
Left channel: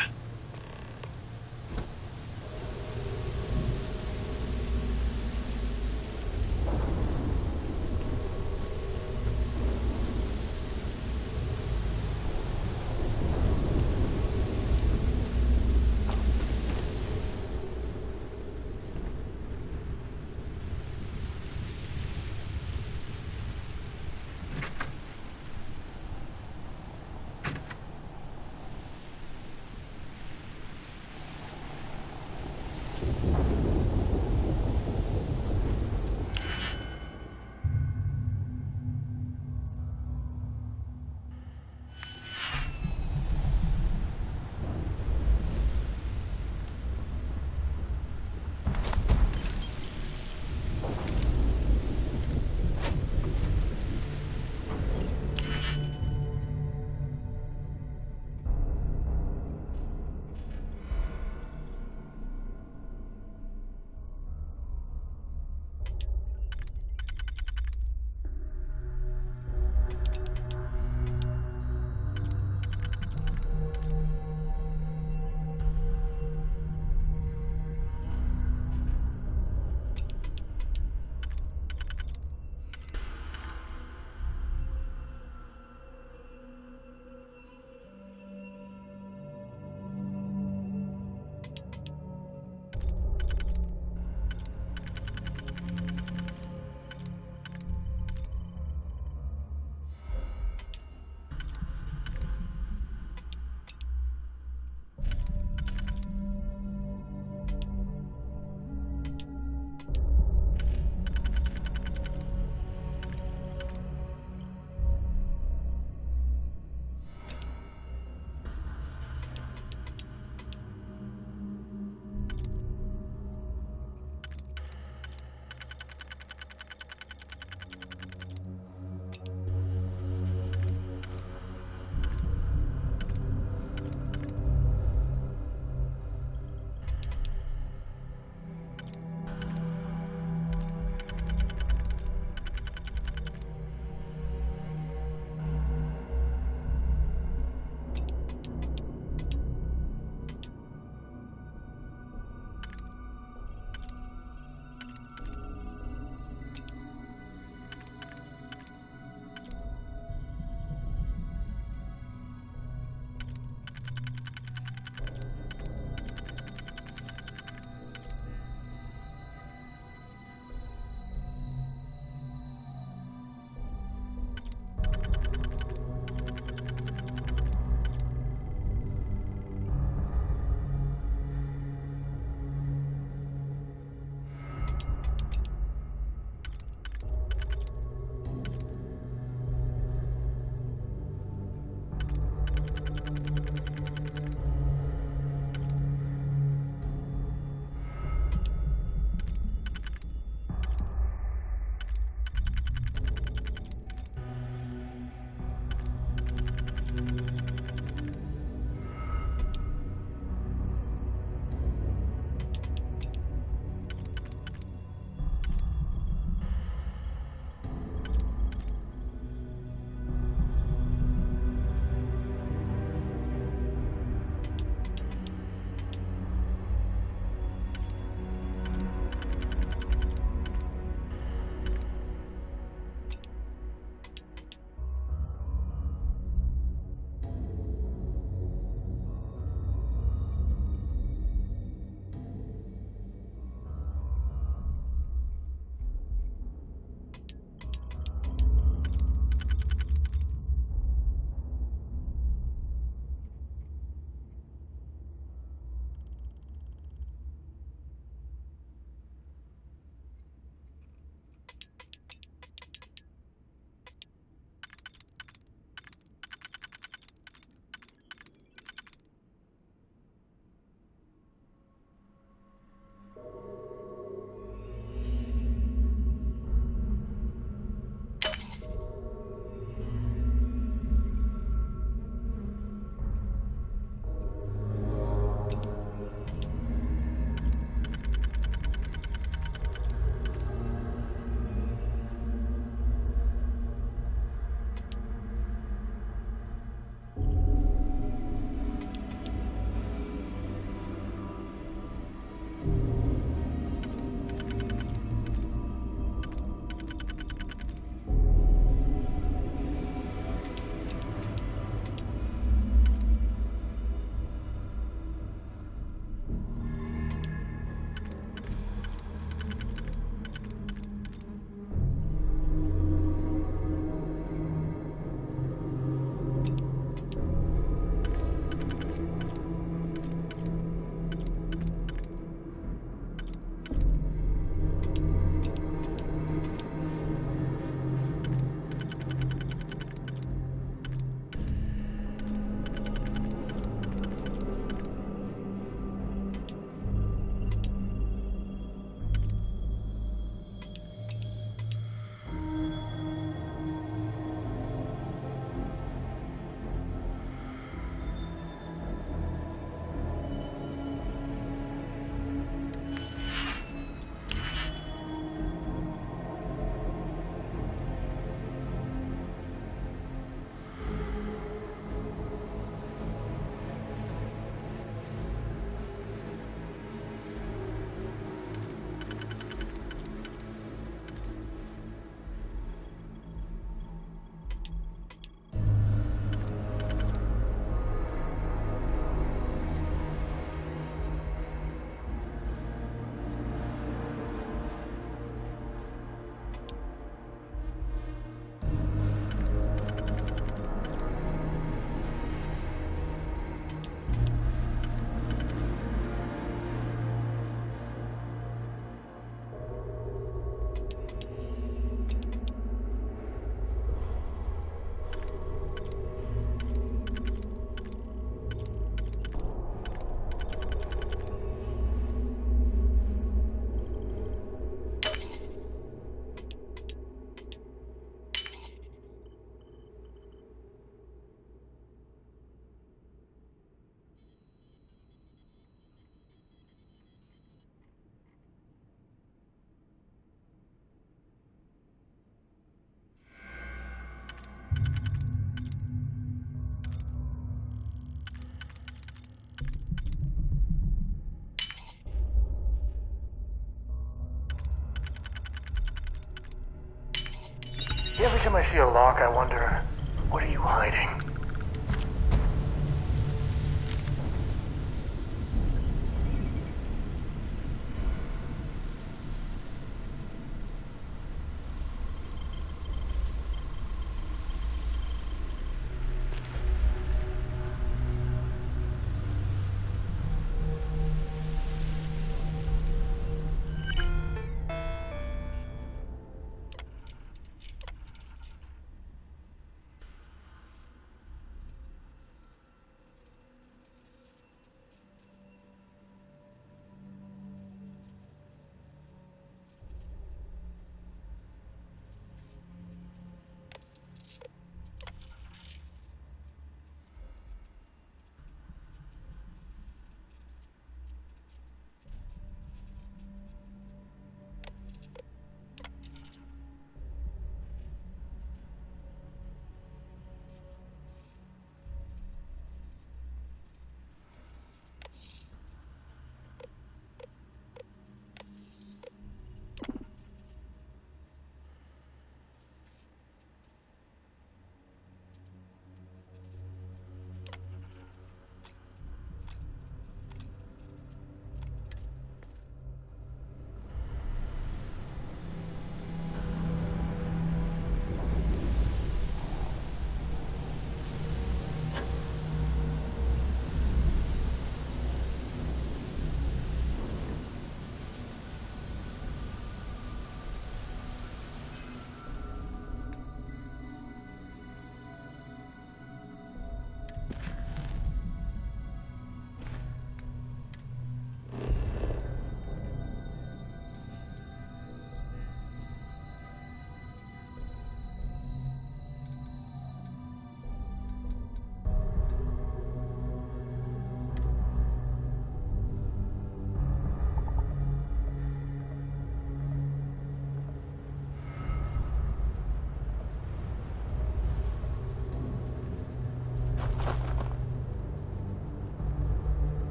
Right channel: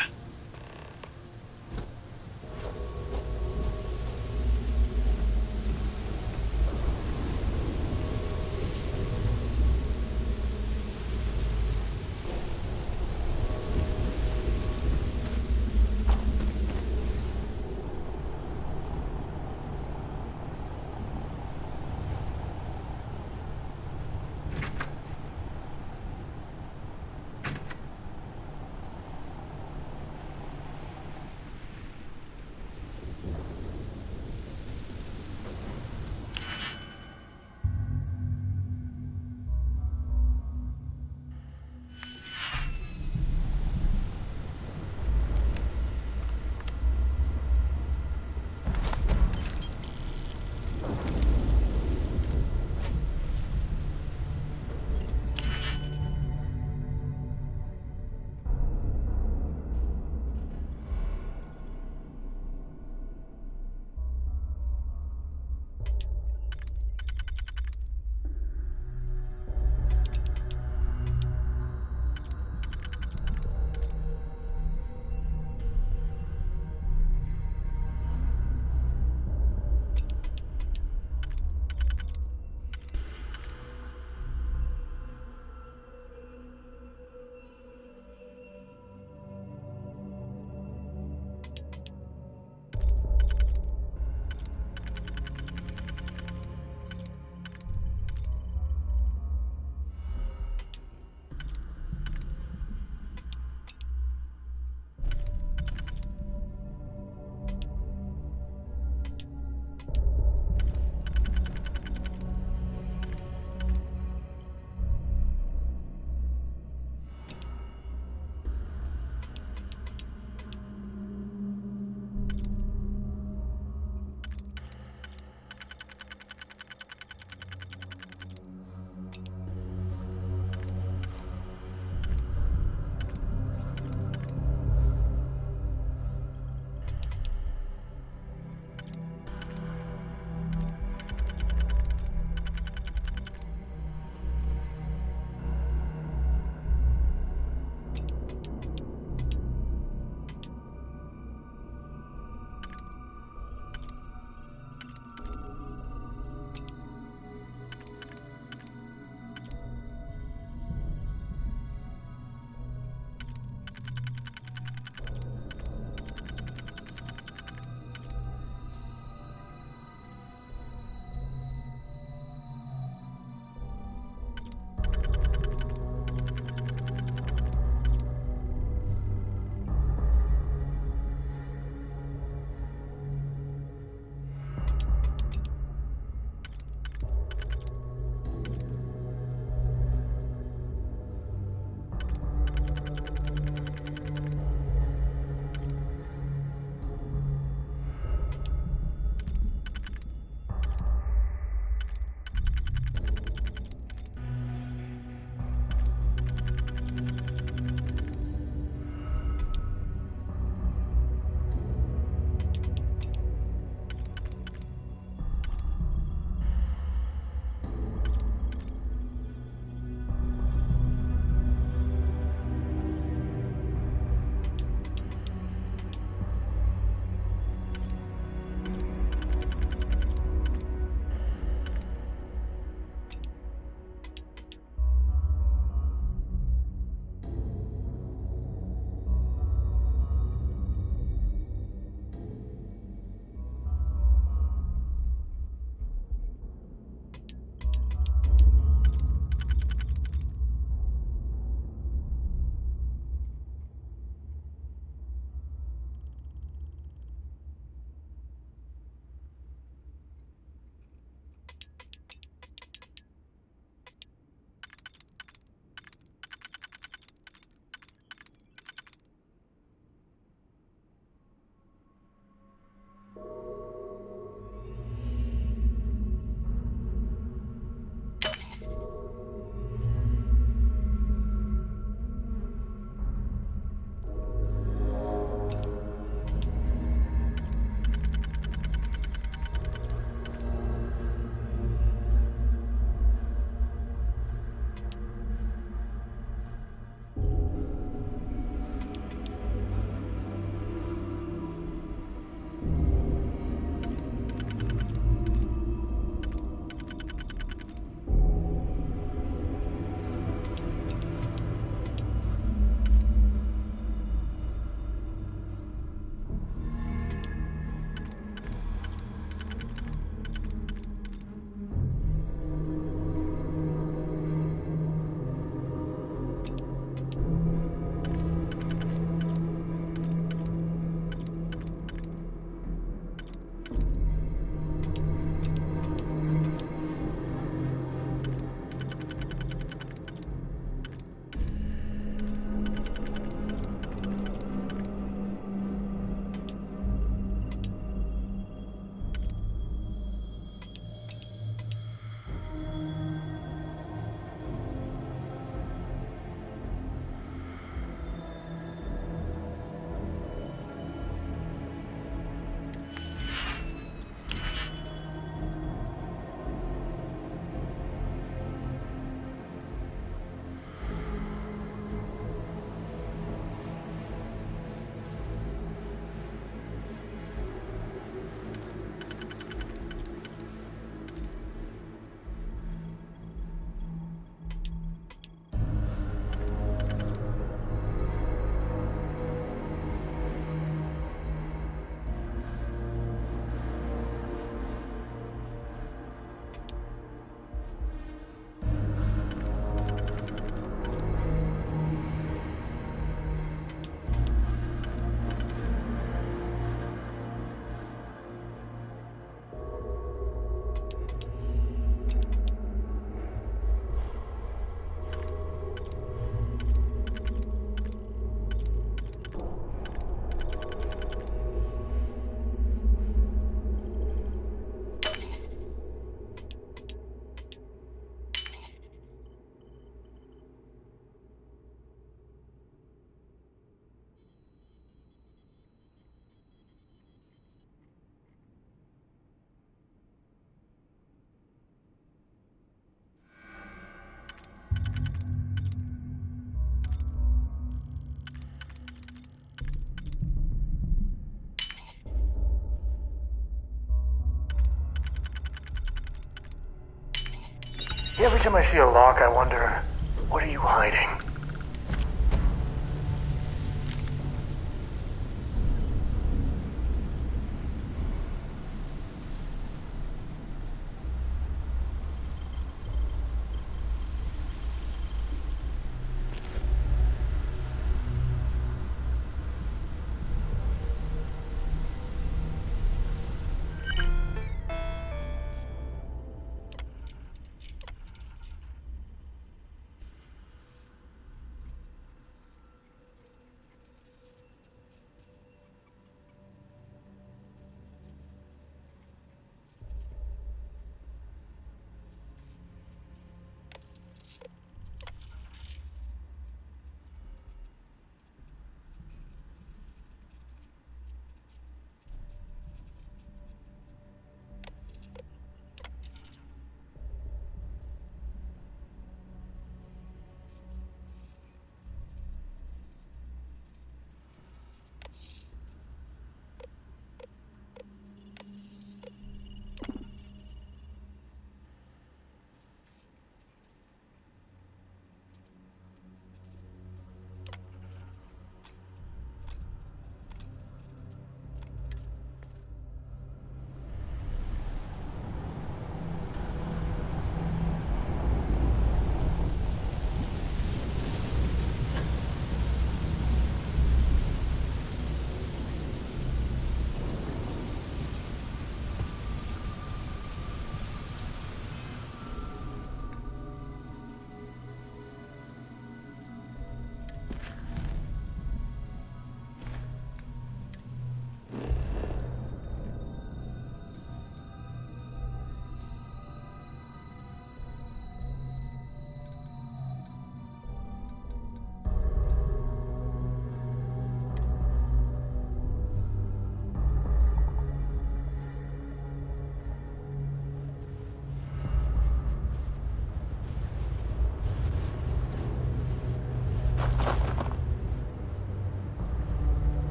Every time I see a lock, I wonder, what are you hiding?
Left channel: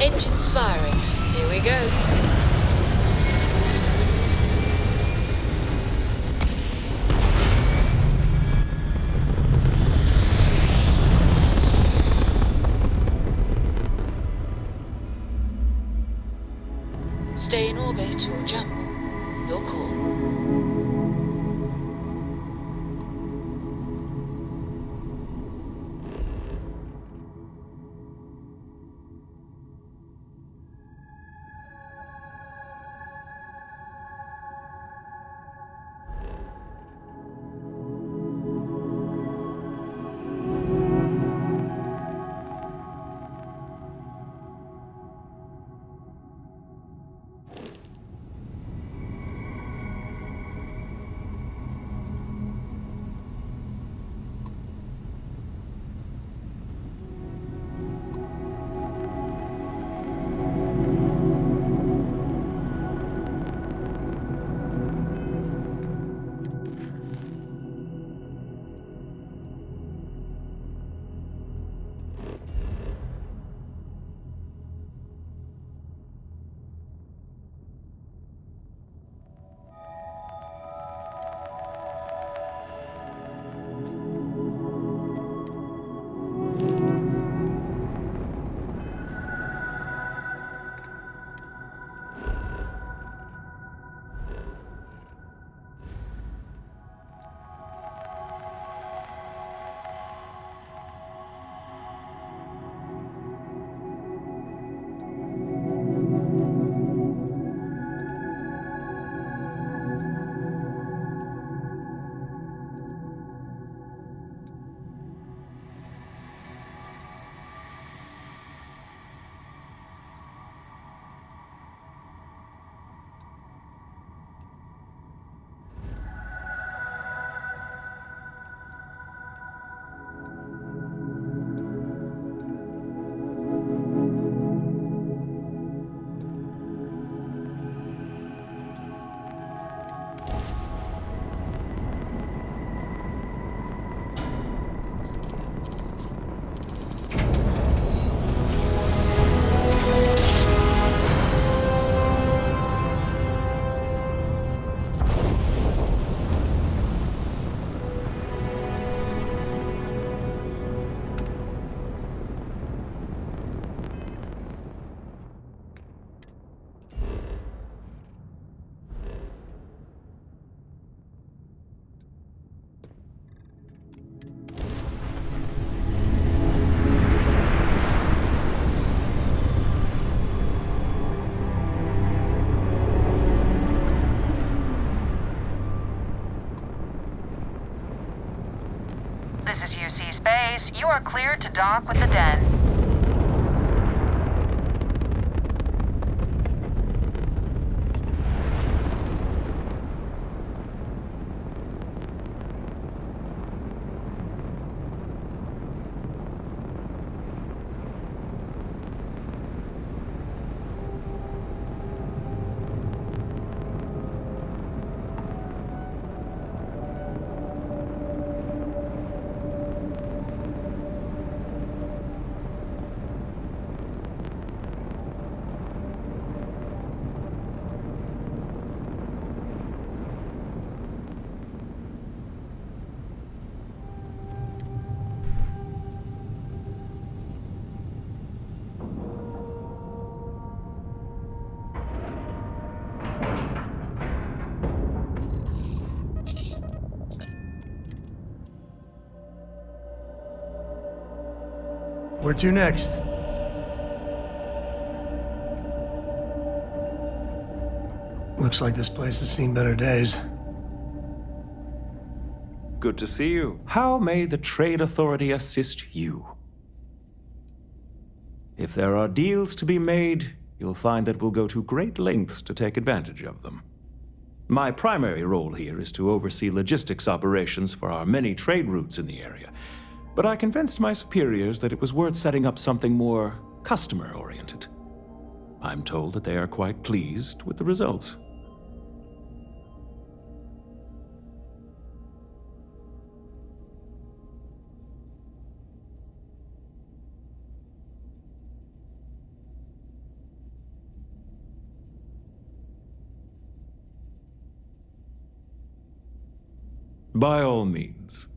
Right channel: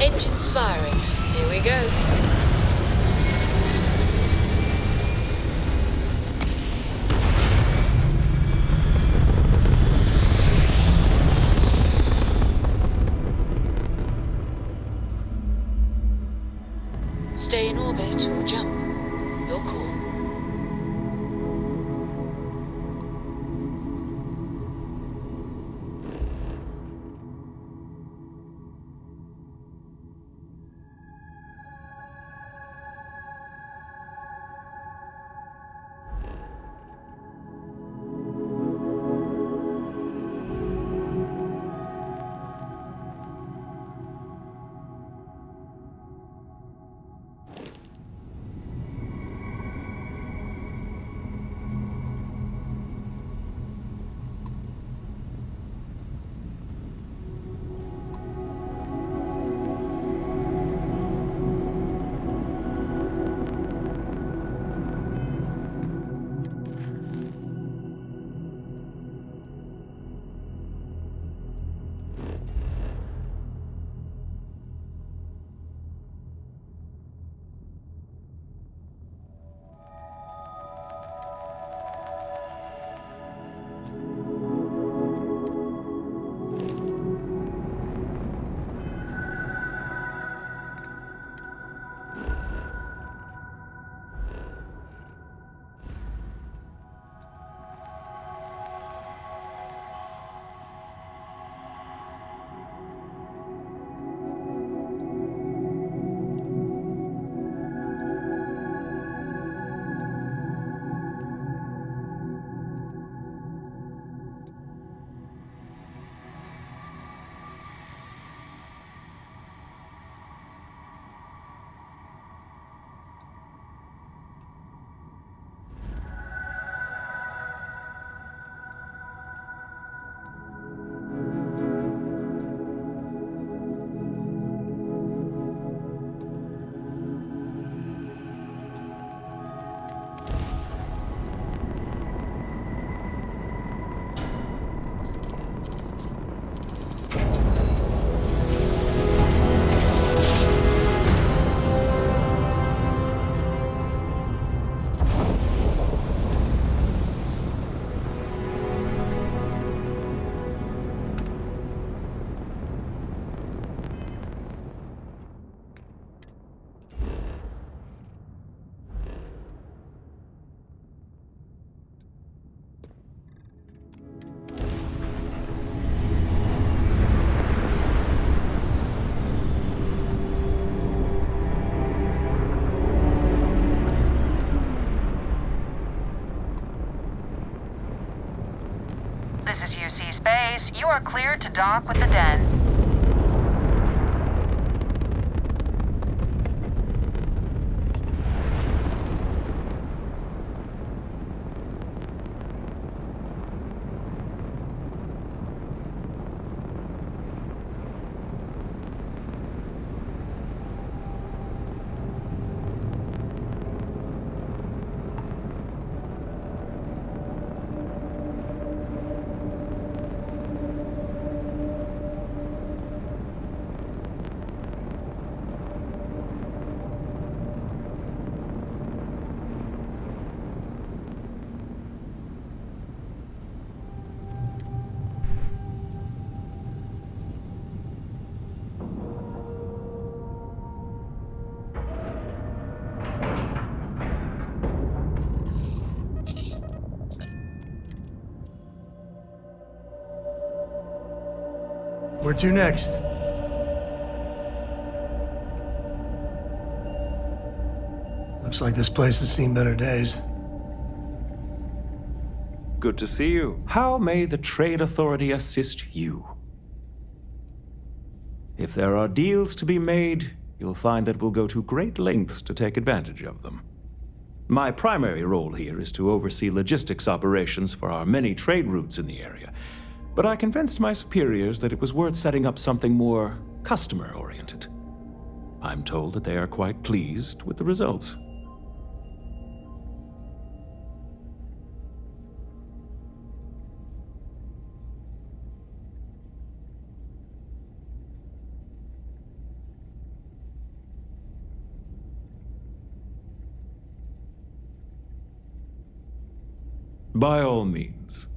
Engines firing. Here we go. Stay in orbit or jump. Your call. is UC Space. You are cleared to dock with the Den. Where to next? Looks like this place has seen better days. Good to see you. How may the Trade Authority assist you? If there are deals to be made, you'll find that we'll go to great lengths to take advantage of them. My primary role here is to oversee logistics operations for our many trade routes in the area, but I convinced my superiors that it was worth setting up something more customer-oriented. I'm told that they are quite pleased with the results. By all means.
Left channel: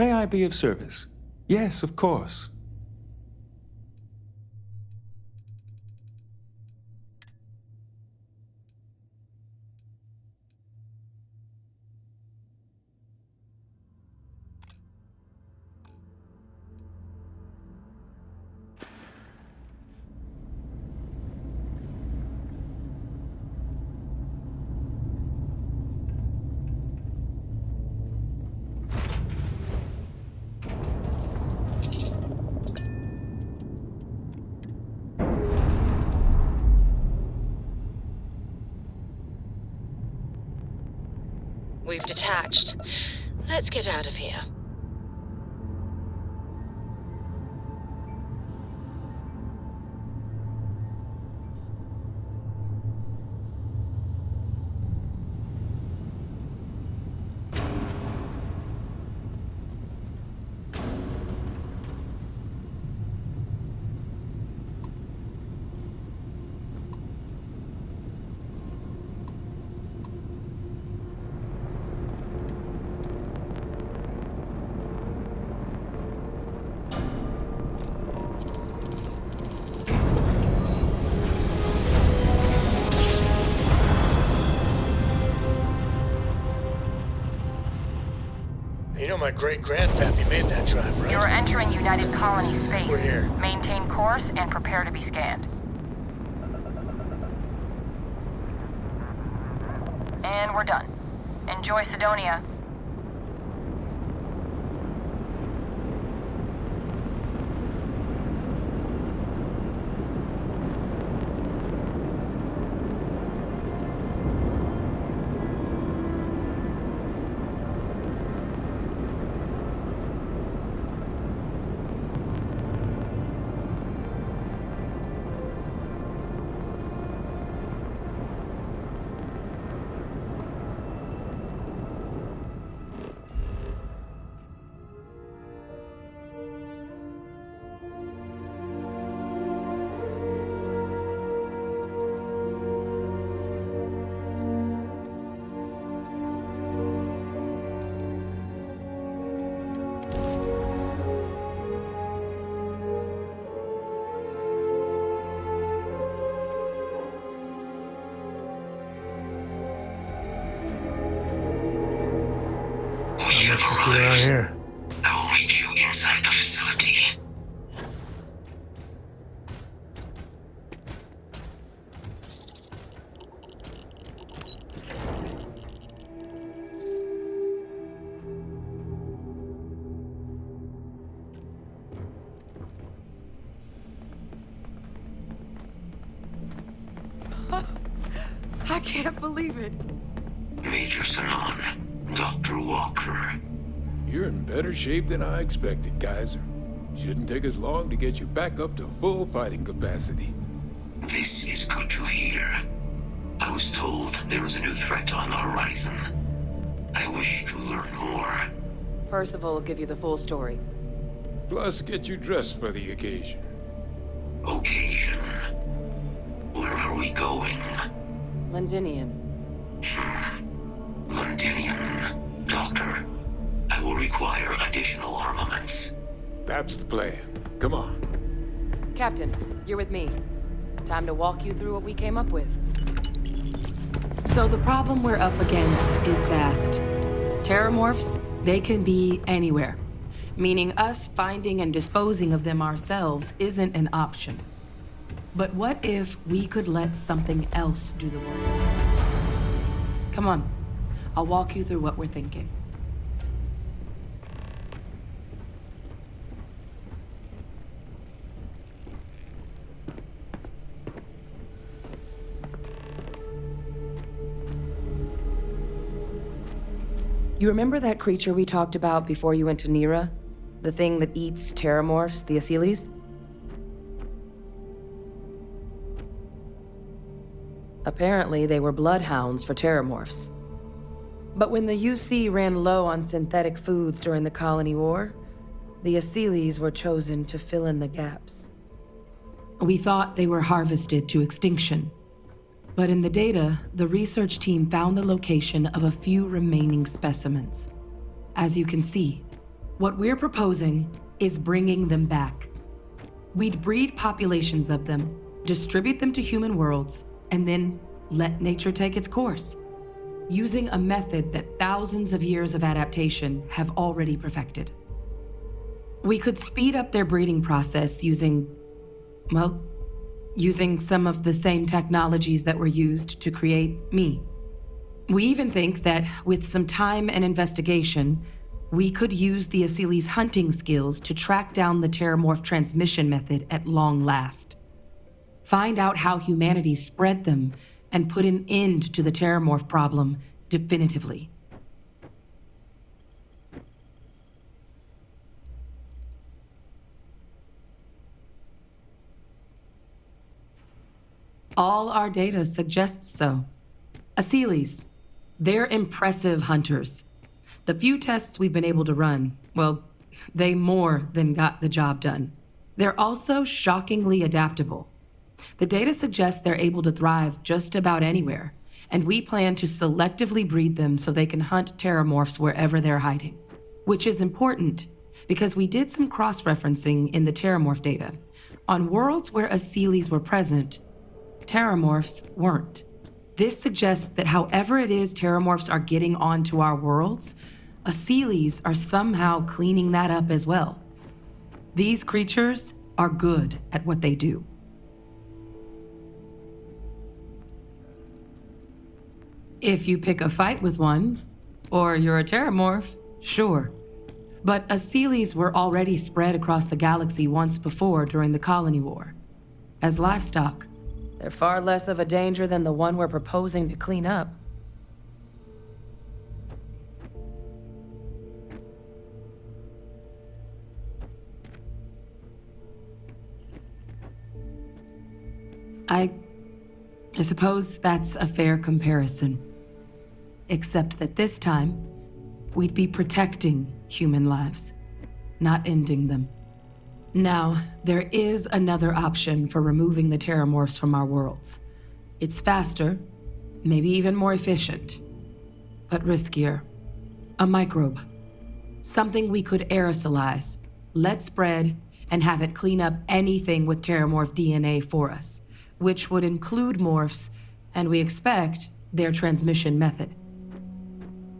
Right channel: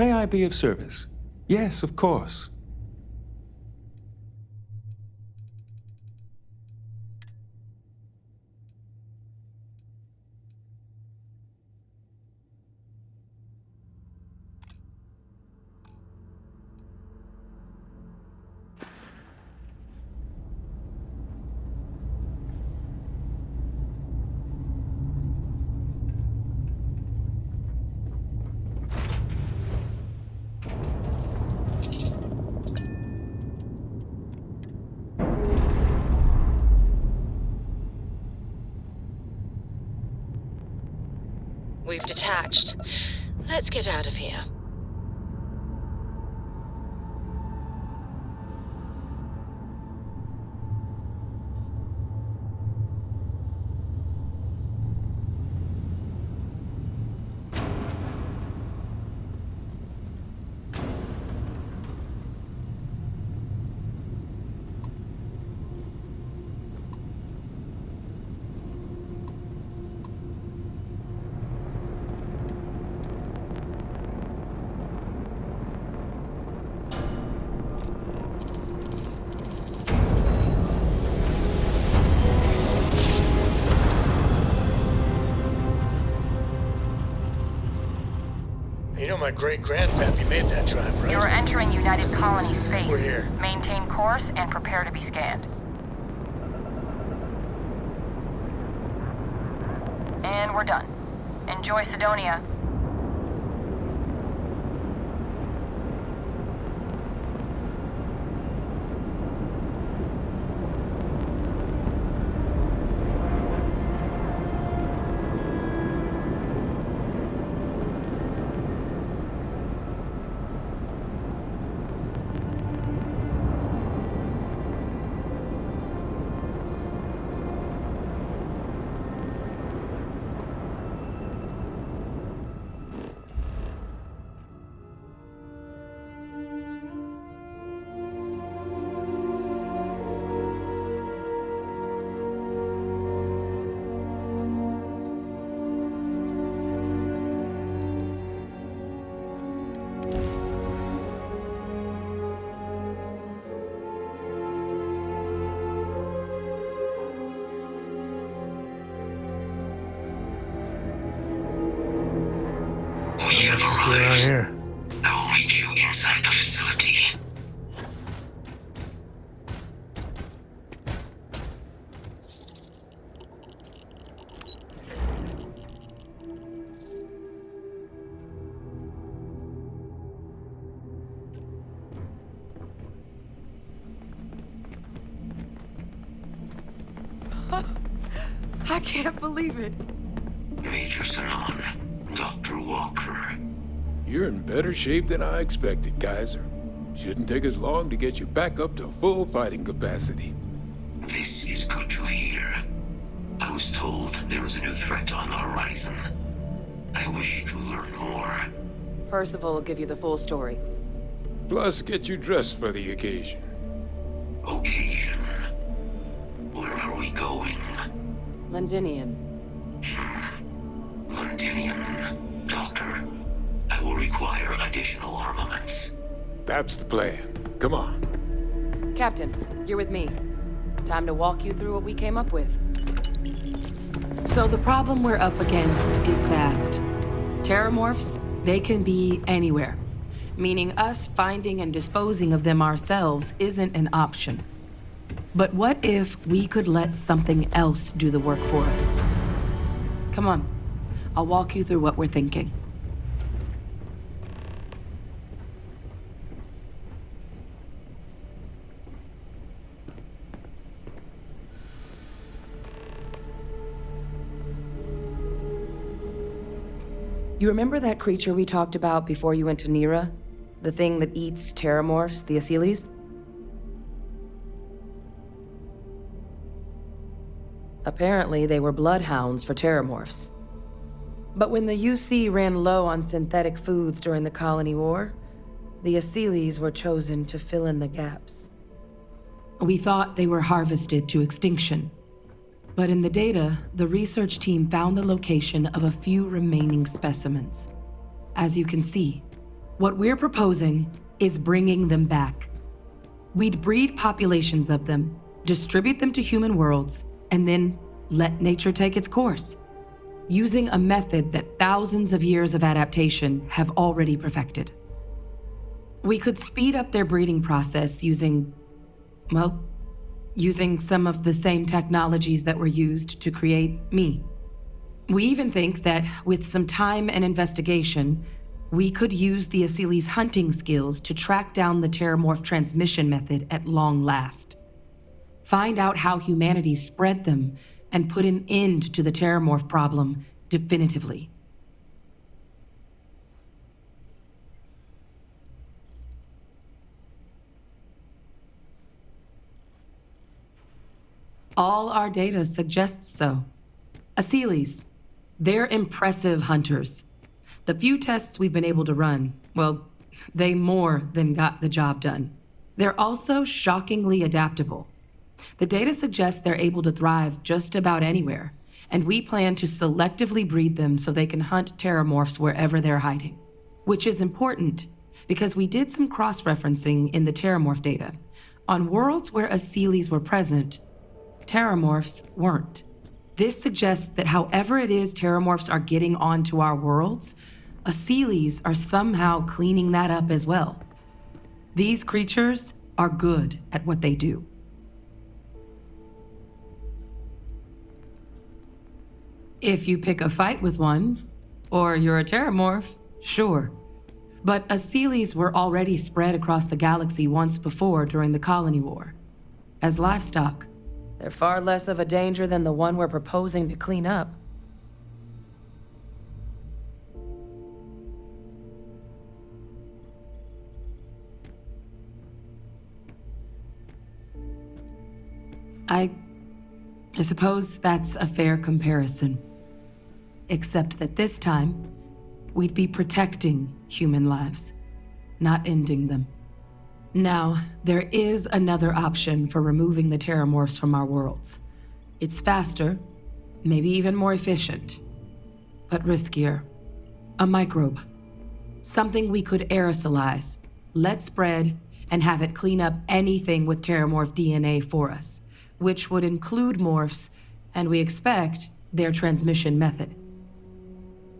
May I be of service? Yes, of course. We've detached. Let's get out of here. You know my great-grandpappy made that drive, right? You're entering United Colony space. We're here. Maintain course and prepare to be scanned. And we're done. Enjoy Sidonia. We have See around arrived. here. I will meet you inside the facility. I can't believe it. Major Sanon, Dr. Walker. You're in better shape than I expected, Kaiser. Shouldn't take us long to get you back up to full fighting capacity. This is good to hear. I was told there was a new threat on the horizon. I wish to learn more. Percival will give you the full story. Plus, get you dressed for the occasion. Occasion. Where are we going? Londinian. Londinian. Doctor, I will require additional armaments. That's the plan. Come on. Captain, you're with me. Time to walk you through what we came up with. So the problem we're up against is vast. Terramorphs, they can be anywhere. Meaning us finding and disposing of them ourselves isn't an option. But what if we could let something else do the work for us? Come on, I'll walk you through what we're thinking. You remember that creature we talked about before you went to Nira? The thing that eats terramorphs, the Asylees? Apparently, they were bloodhounds for terramorphs. But when the UC ran low on synthetic foods during the Colony War, the Asylees were chosen to fill in the gaps. We thought they were harvested to extinction. But in the data, the research team found the location of a few remaining specimens. As you can see, what we're proposing is bringing them back. We'd breed populations of them, distribute them to human worlds, and then let nature take its course, using a method that thousands of years of adaptation have already perfected. We could speed up their breeding process using some of the same technologies that were used to create me. We even think that with some time and investigation, we could use the Asylees' hunting skills to track down the terramorph transmission method at long last. Find out how humanity spread them and put an end to the terramorph problem definitively. All our data suggests so. Asylees, they're impressive hunters. The few tests we've been able to run, well, they more than got the job done. They're also shockingly adaptable. The data suggests they're able to thrive just about anywhere, and we plan to selectively breed them so they can hunt terramorphs wherever they're hiding. Which is important, because we did some cross-referencing in the terramorph data. On worlds where Asylees were present, terramorphs weren't. This suggests that however it is terramorphs are getting onto our worlds, Asylees are somehow cleaning that up as well. These creatures are good at what they do. If you pick a fight with one, or you're a terramorph, sure. But Asylees were already spread across the galaxy once before during the Colony War. As livestock, they're far less of a danger than the one we're proposing to clean up. I suppose that's a fair comparison. Except that this time, we'd be protecting human lives, not ending them. Now, there is another option for removing the terramorphs from our worlds. It's faster, maybe even more efficient, but riskier. A microbe. Something we could aerosolize, let spread, and have it clean up anything with terramorph DNA for us, which would include morphs, and we expect their transmission method.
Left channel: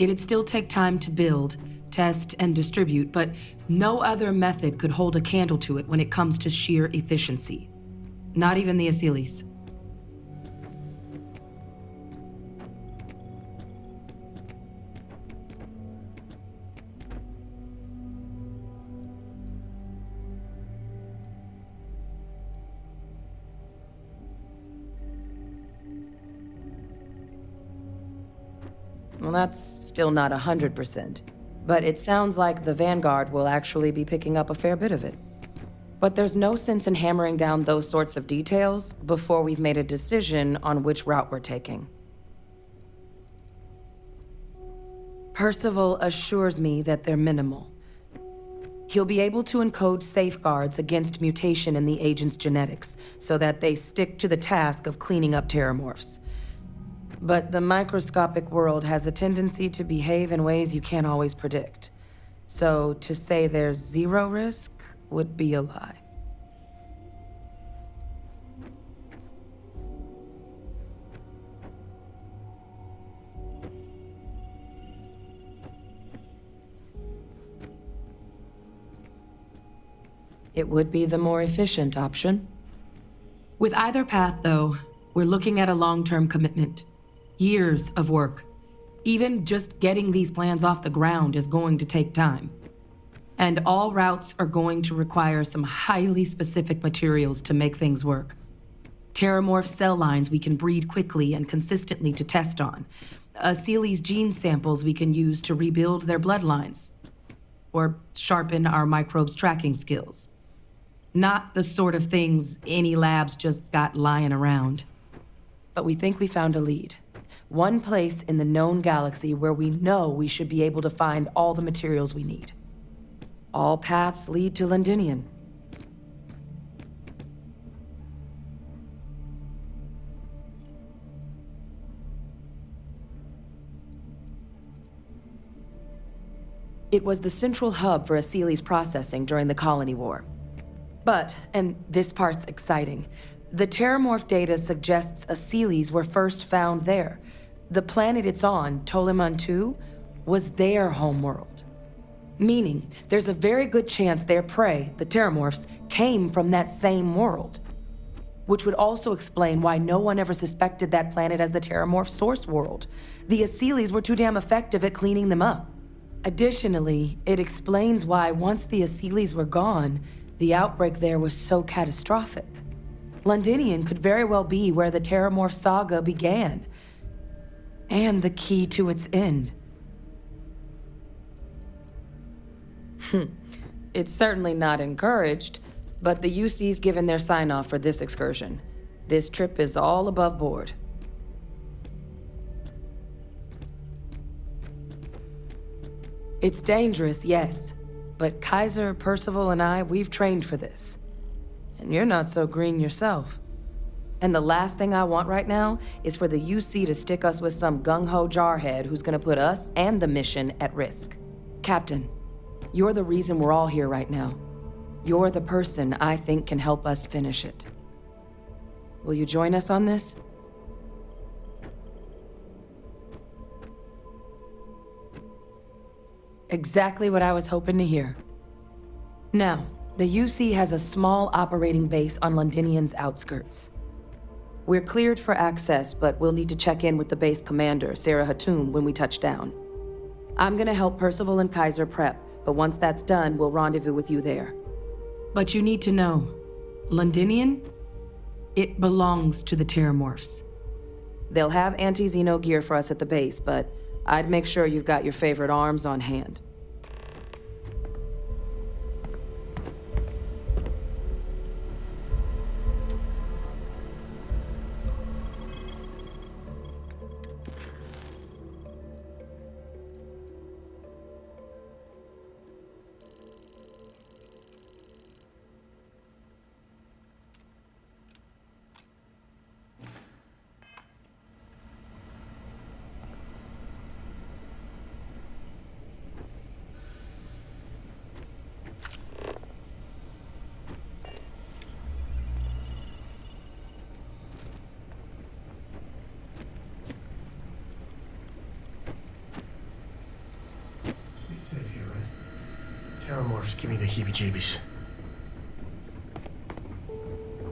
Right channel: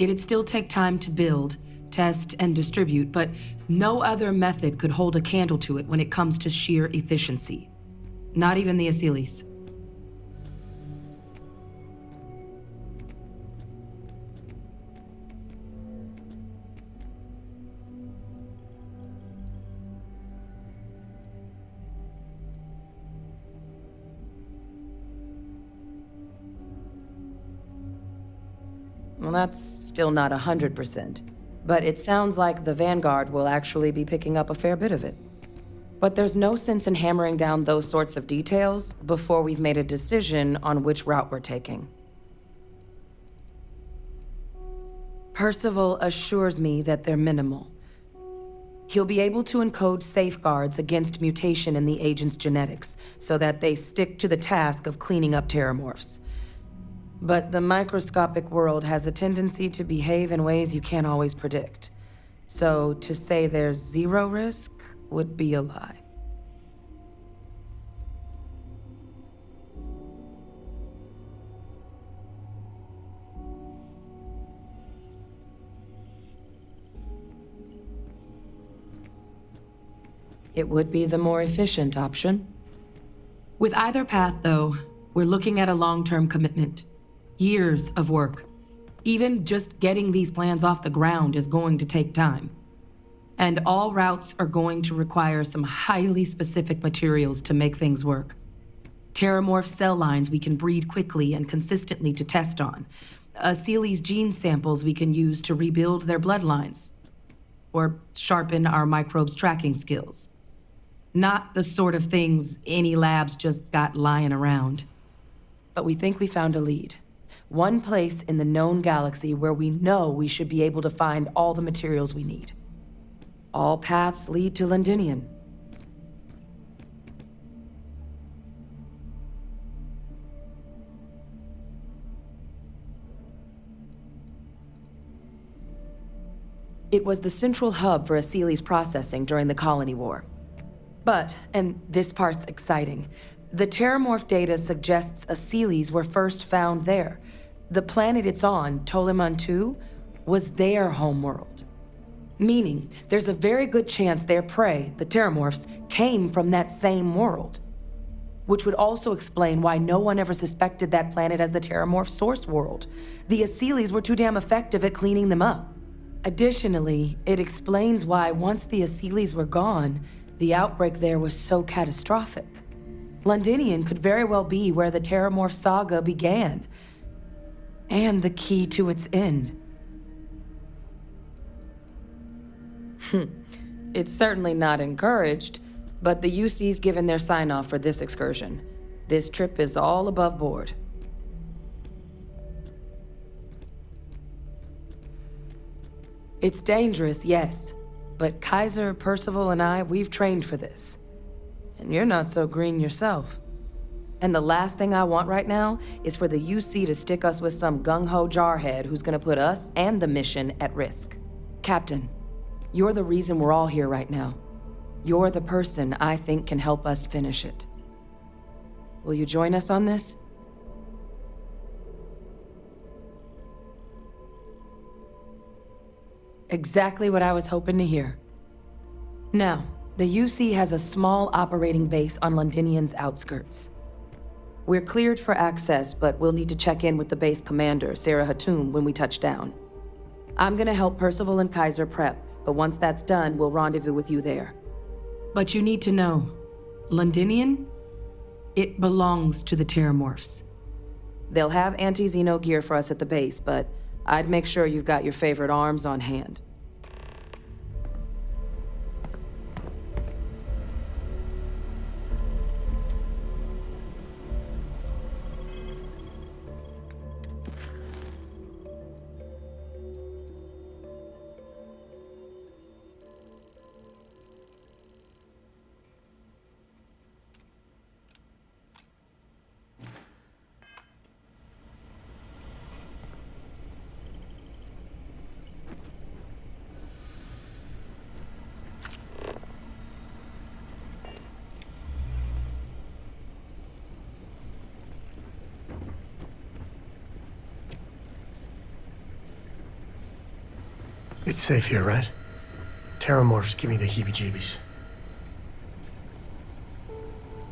It'd still take time to build, test, and distribute, but no other method could hold a candle to it when it comes to sheer efficiency. Not even the Asylees. Well, that's still not 100%. But it sounds like the Vanguard will actually be picking up a fair bit of it. But there's no sense in hammering down those sorts of details before we've made a decision on which route we're taking. Percival assures me that they're minimal. He'll be able to encode safeguards against mutation in the agent's genetics so that they stick to the task of cleaning up terramorphs. But the microscopic world has a tendency to behave in ways you can't always predict. So to say there's zero risk would be a lie. It would be the more efficient option. With either path, though, we're looking at a long-term commitment. Years of work. Even just getting these plans off the ground is going to take time. And all routes are going to require some highly specific materials to make things work. Terramorph cell lines we can breed quickly and consistently to test on. Asylees gene samples we can use to rebuild their bloodlines. Or sharpen our microbes tracking skills. Not the sort of things any labs just got lying around. But we think we found a lead. One place in the known galaxy where we know we should be able to find all the materials we need. All paths lead to Londinion. It was the central hub for Asylees processing during the Colony War. But, and this part's exciting, the terramorph data suggests Asylees were first found there. The planet it's on, Toliman II, was their homeworld. Meaning, there's a very good chance their prey, the terramorphs, came from that same world. Which would also explain why no one ever suspected that planet as the terramorph source world. The Asylees were too damn effective at cleaning them up. Additionally, it explains why once the Asylees were gone, the outbreak there was so catastrophic. Londinion could very well be where the terramorph saga began. And the key to its end. It's certainly not encouraged, but the UC's given their sign-off for this excursion. This trip is all above board. It's dangerous, yes. But Kaiser, Percival, and we've trained for this. And you're not so green yourself. And the last thing I want right now is for the UC to stick us with some gung-ho jarhead who's gonna put us and the mission at risk. Captain, you're the reason we're all here right now. You're the person I think can help us finish it. Will you join us on this? Exactly what I was hoping to hear. Now, the UC has a small operating base on Londinian's outskirts. We're cleared for access, but we'll need to check in with the base commander, Sarah Hatum, when we touch down. I'm gonna help Percival and Kaiser prep, but once that's done, we'll rendezvous with you there. But you need to know, Londinian? It belongs to the Terramorphs. They'll have anti-Xeno gear for us at the base, but I'd make sure you've got your favorite arms on hand. It's safe here, right? Terramorphs give me the heebie-jeebies.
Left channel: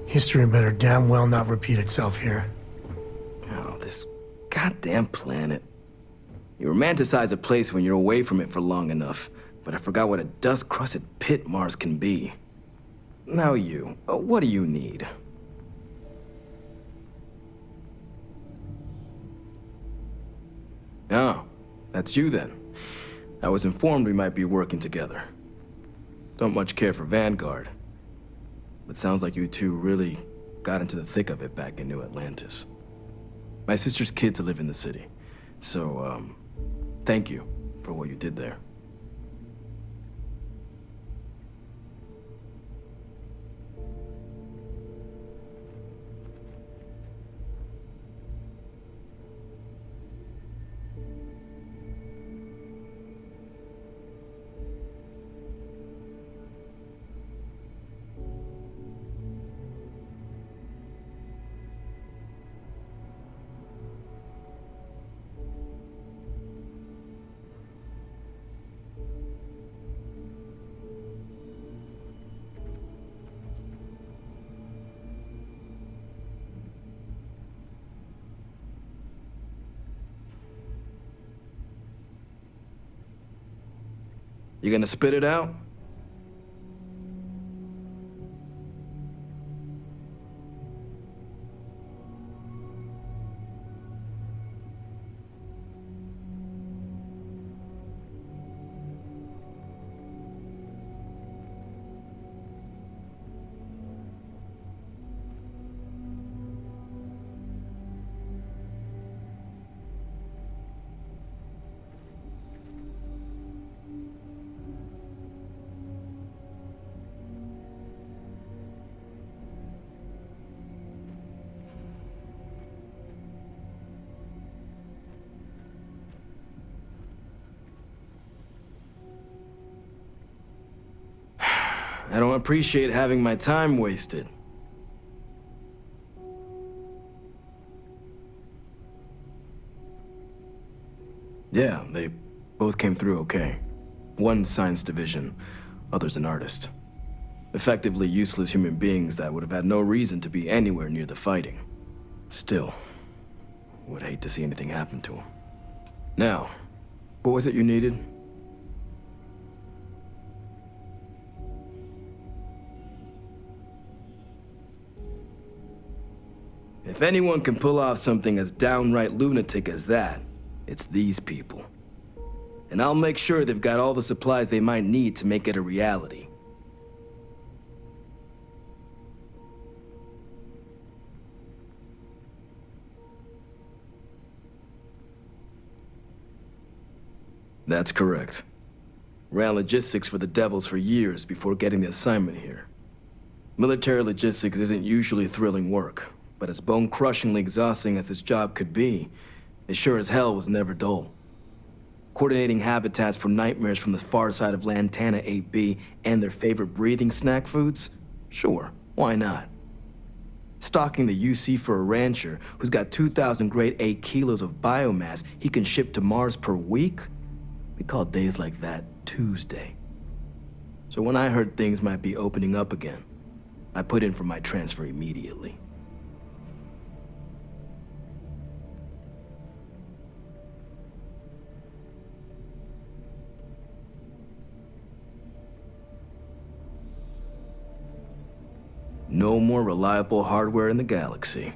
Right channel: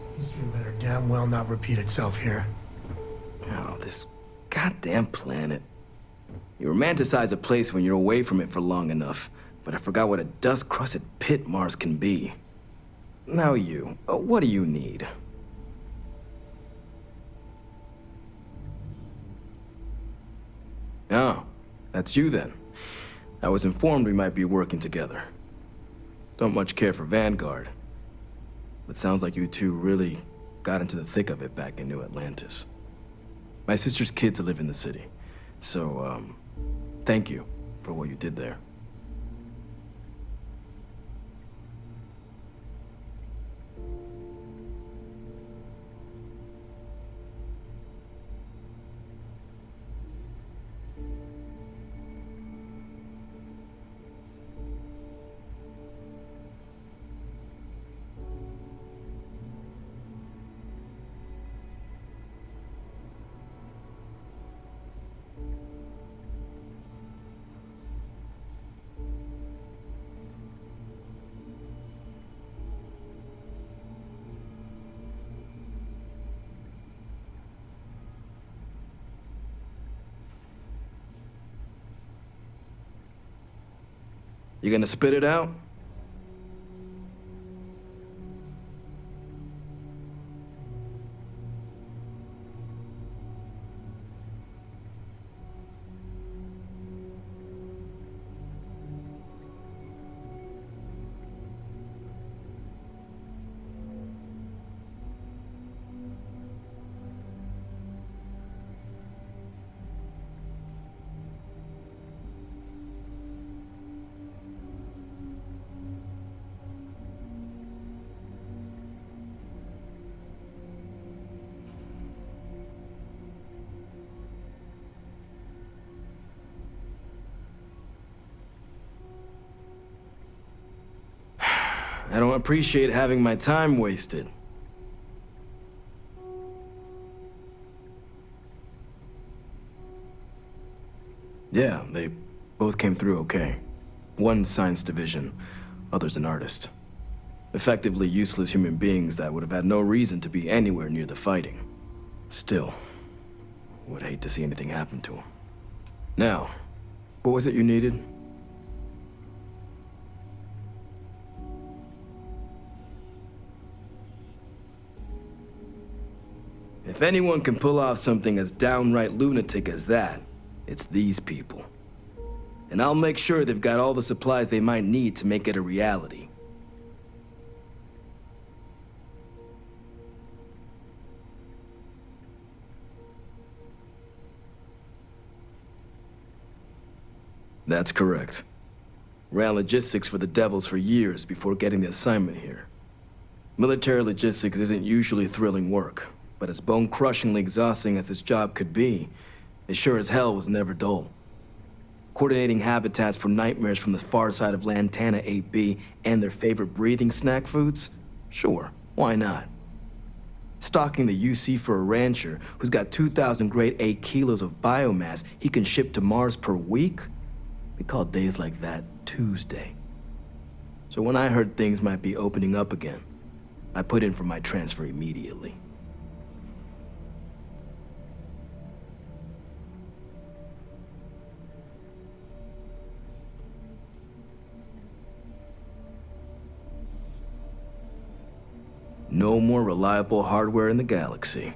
History better damn well not repeat itself here. Oh, this goddamn planet. You romanticize a place when you're away from it for long enough, but I forgot what a dust-crusted pit Mars can be. Now you, what do you need? Oh, that's you then. I was informed we might be working together. Don't much care for Vanguard, but sounds like you two really got into the thick of it back in New Atlantis. My sister's kids live in the city, so, thank you for what you did there. You gonna spit it out? I don't appreciate having my time wasted. Yeah, they both came through okay. One science division, other's an artist. Effectively useless human beings that would have had no reason to be anywhere near the fighting. Still, would hate to see anything happen to them. Now, what was it you needed? If anyone can pull off something as downright lunatic as that, it's these people. And I'll make sure they've got all the supplies they might need to make it a reality. That's correct. Ran logistics for the Devils for years before getting the assignment here. Military logistics isn't usually thrilling work, but as bone-crushingly exhausting as this job could be, it sure as hell was never dull. Coordinating habitats for nightmares from the far side of Lantana 8B and their favorite breathing snack foods? Sure, why not? Stocking the UC for a rancher who's got 2,000 grade A kilos of biomass he can ship to Mars per week? We call days like that Tuesday. So when I heard things might be opening up again, I put in for my transfer immediately. No more reliable hardware in the galaxy.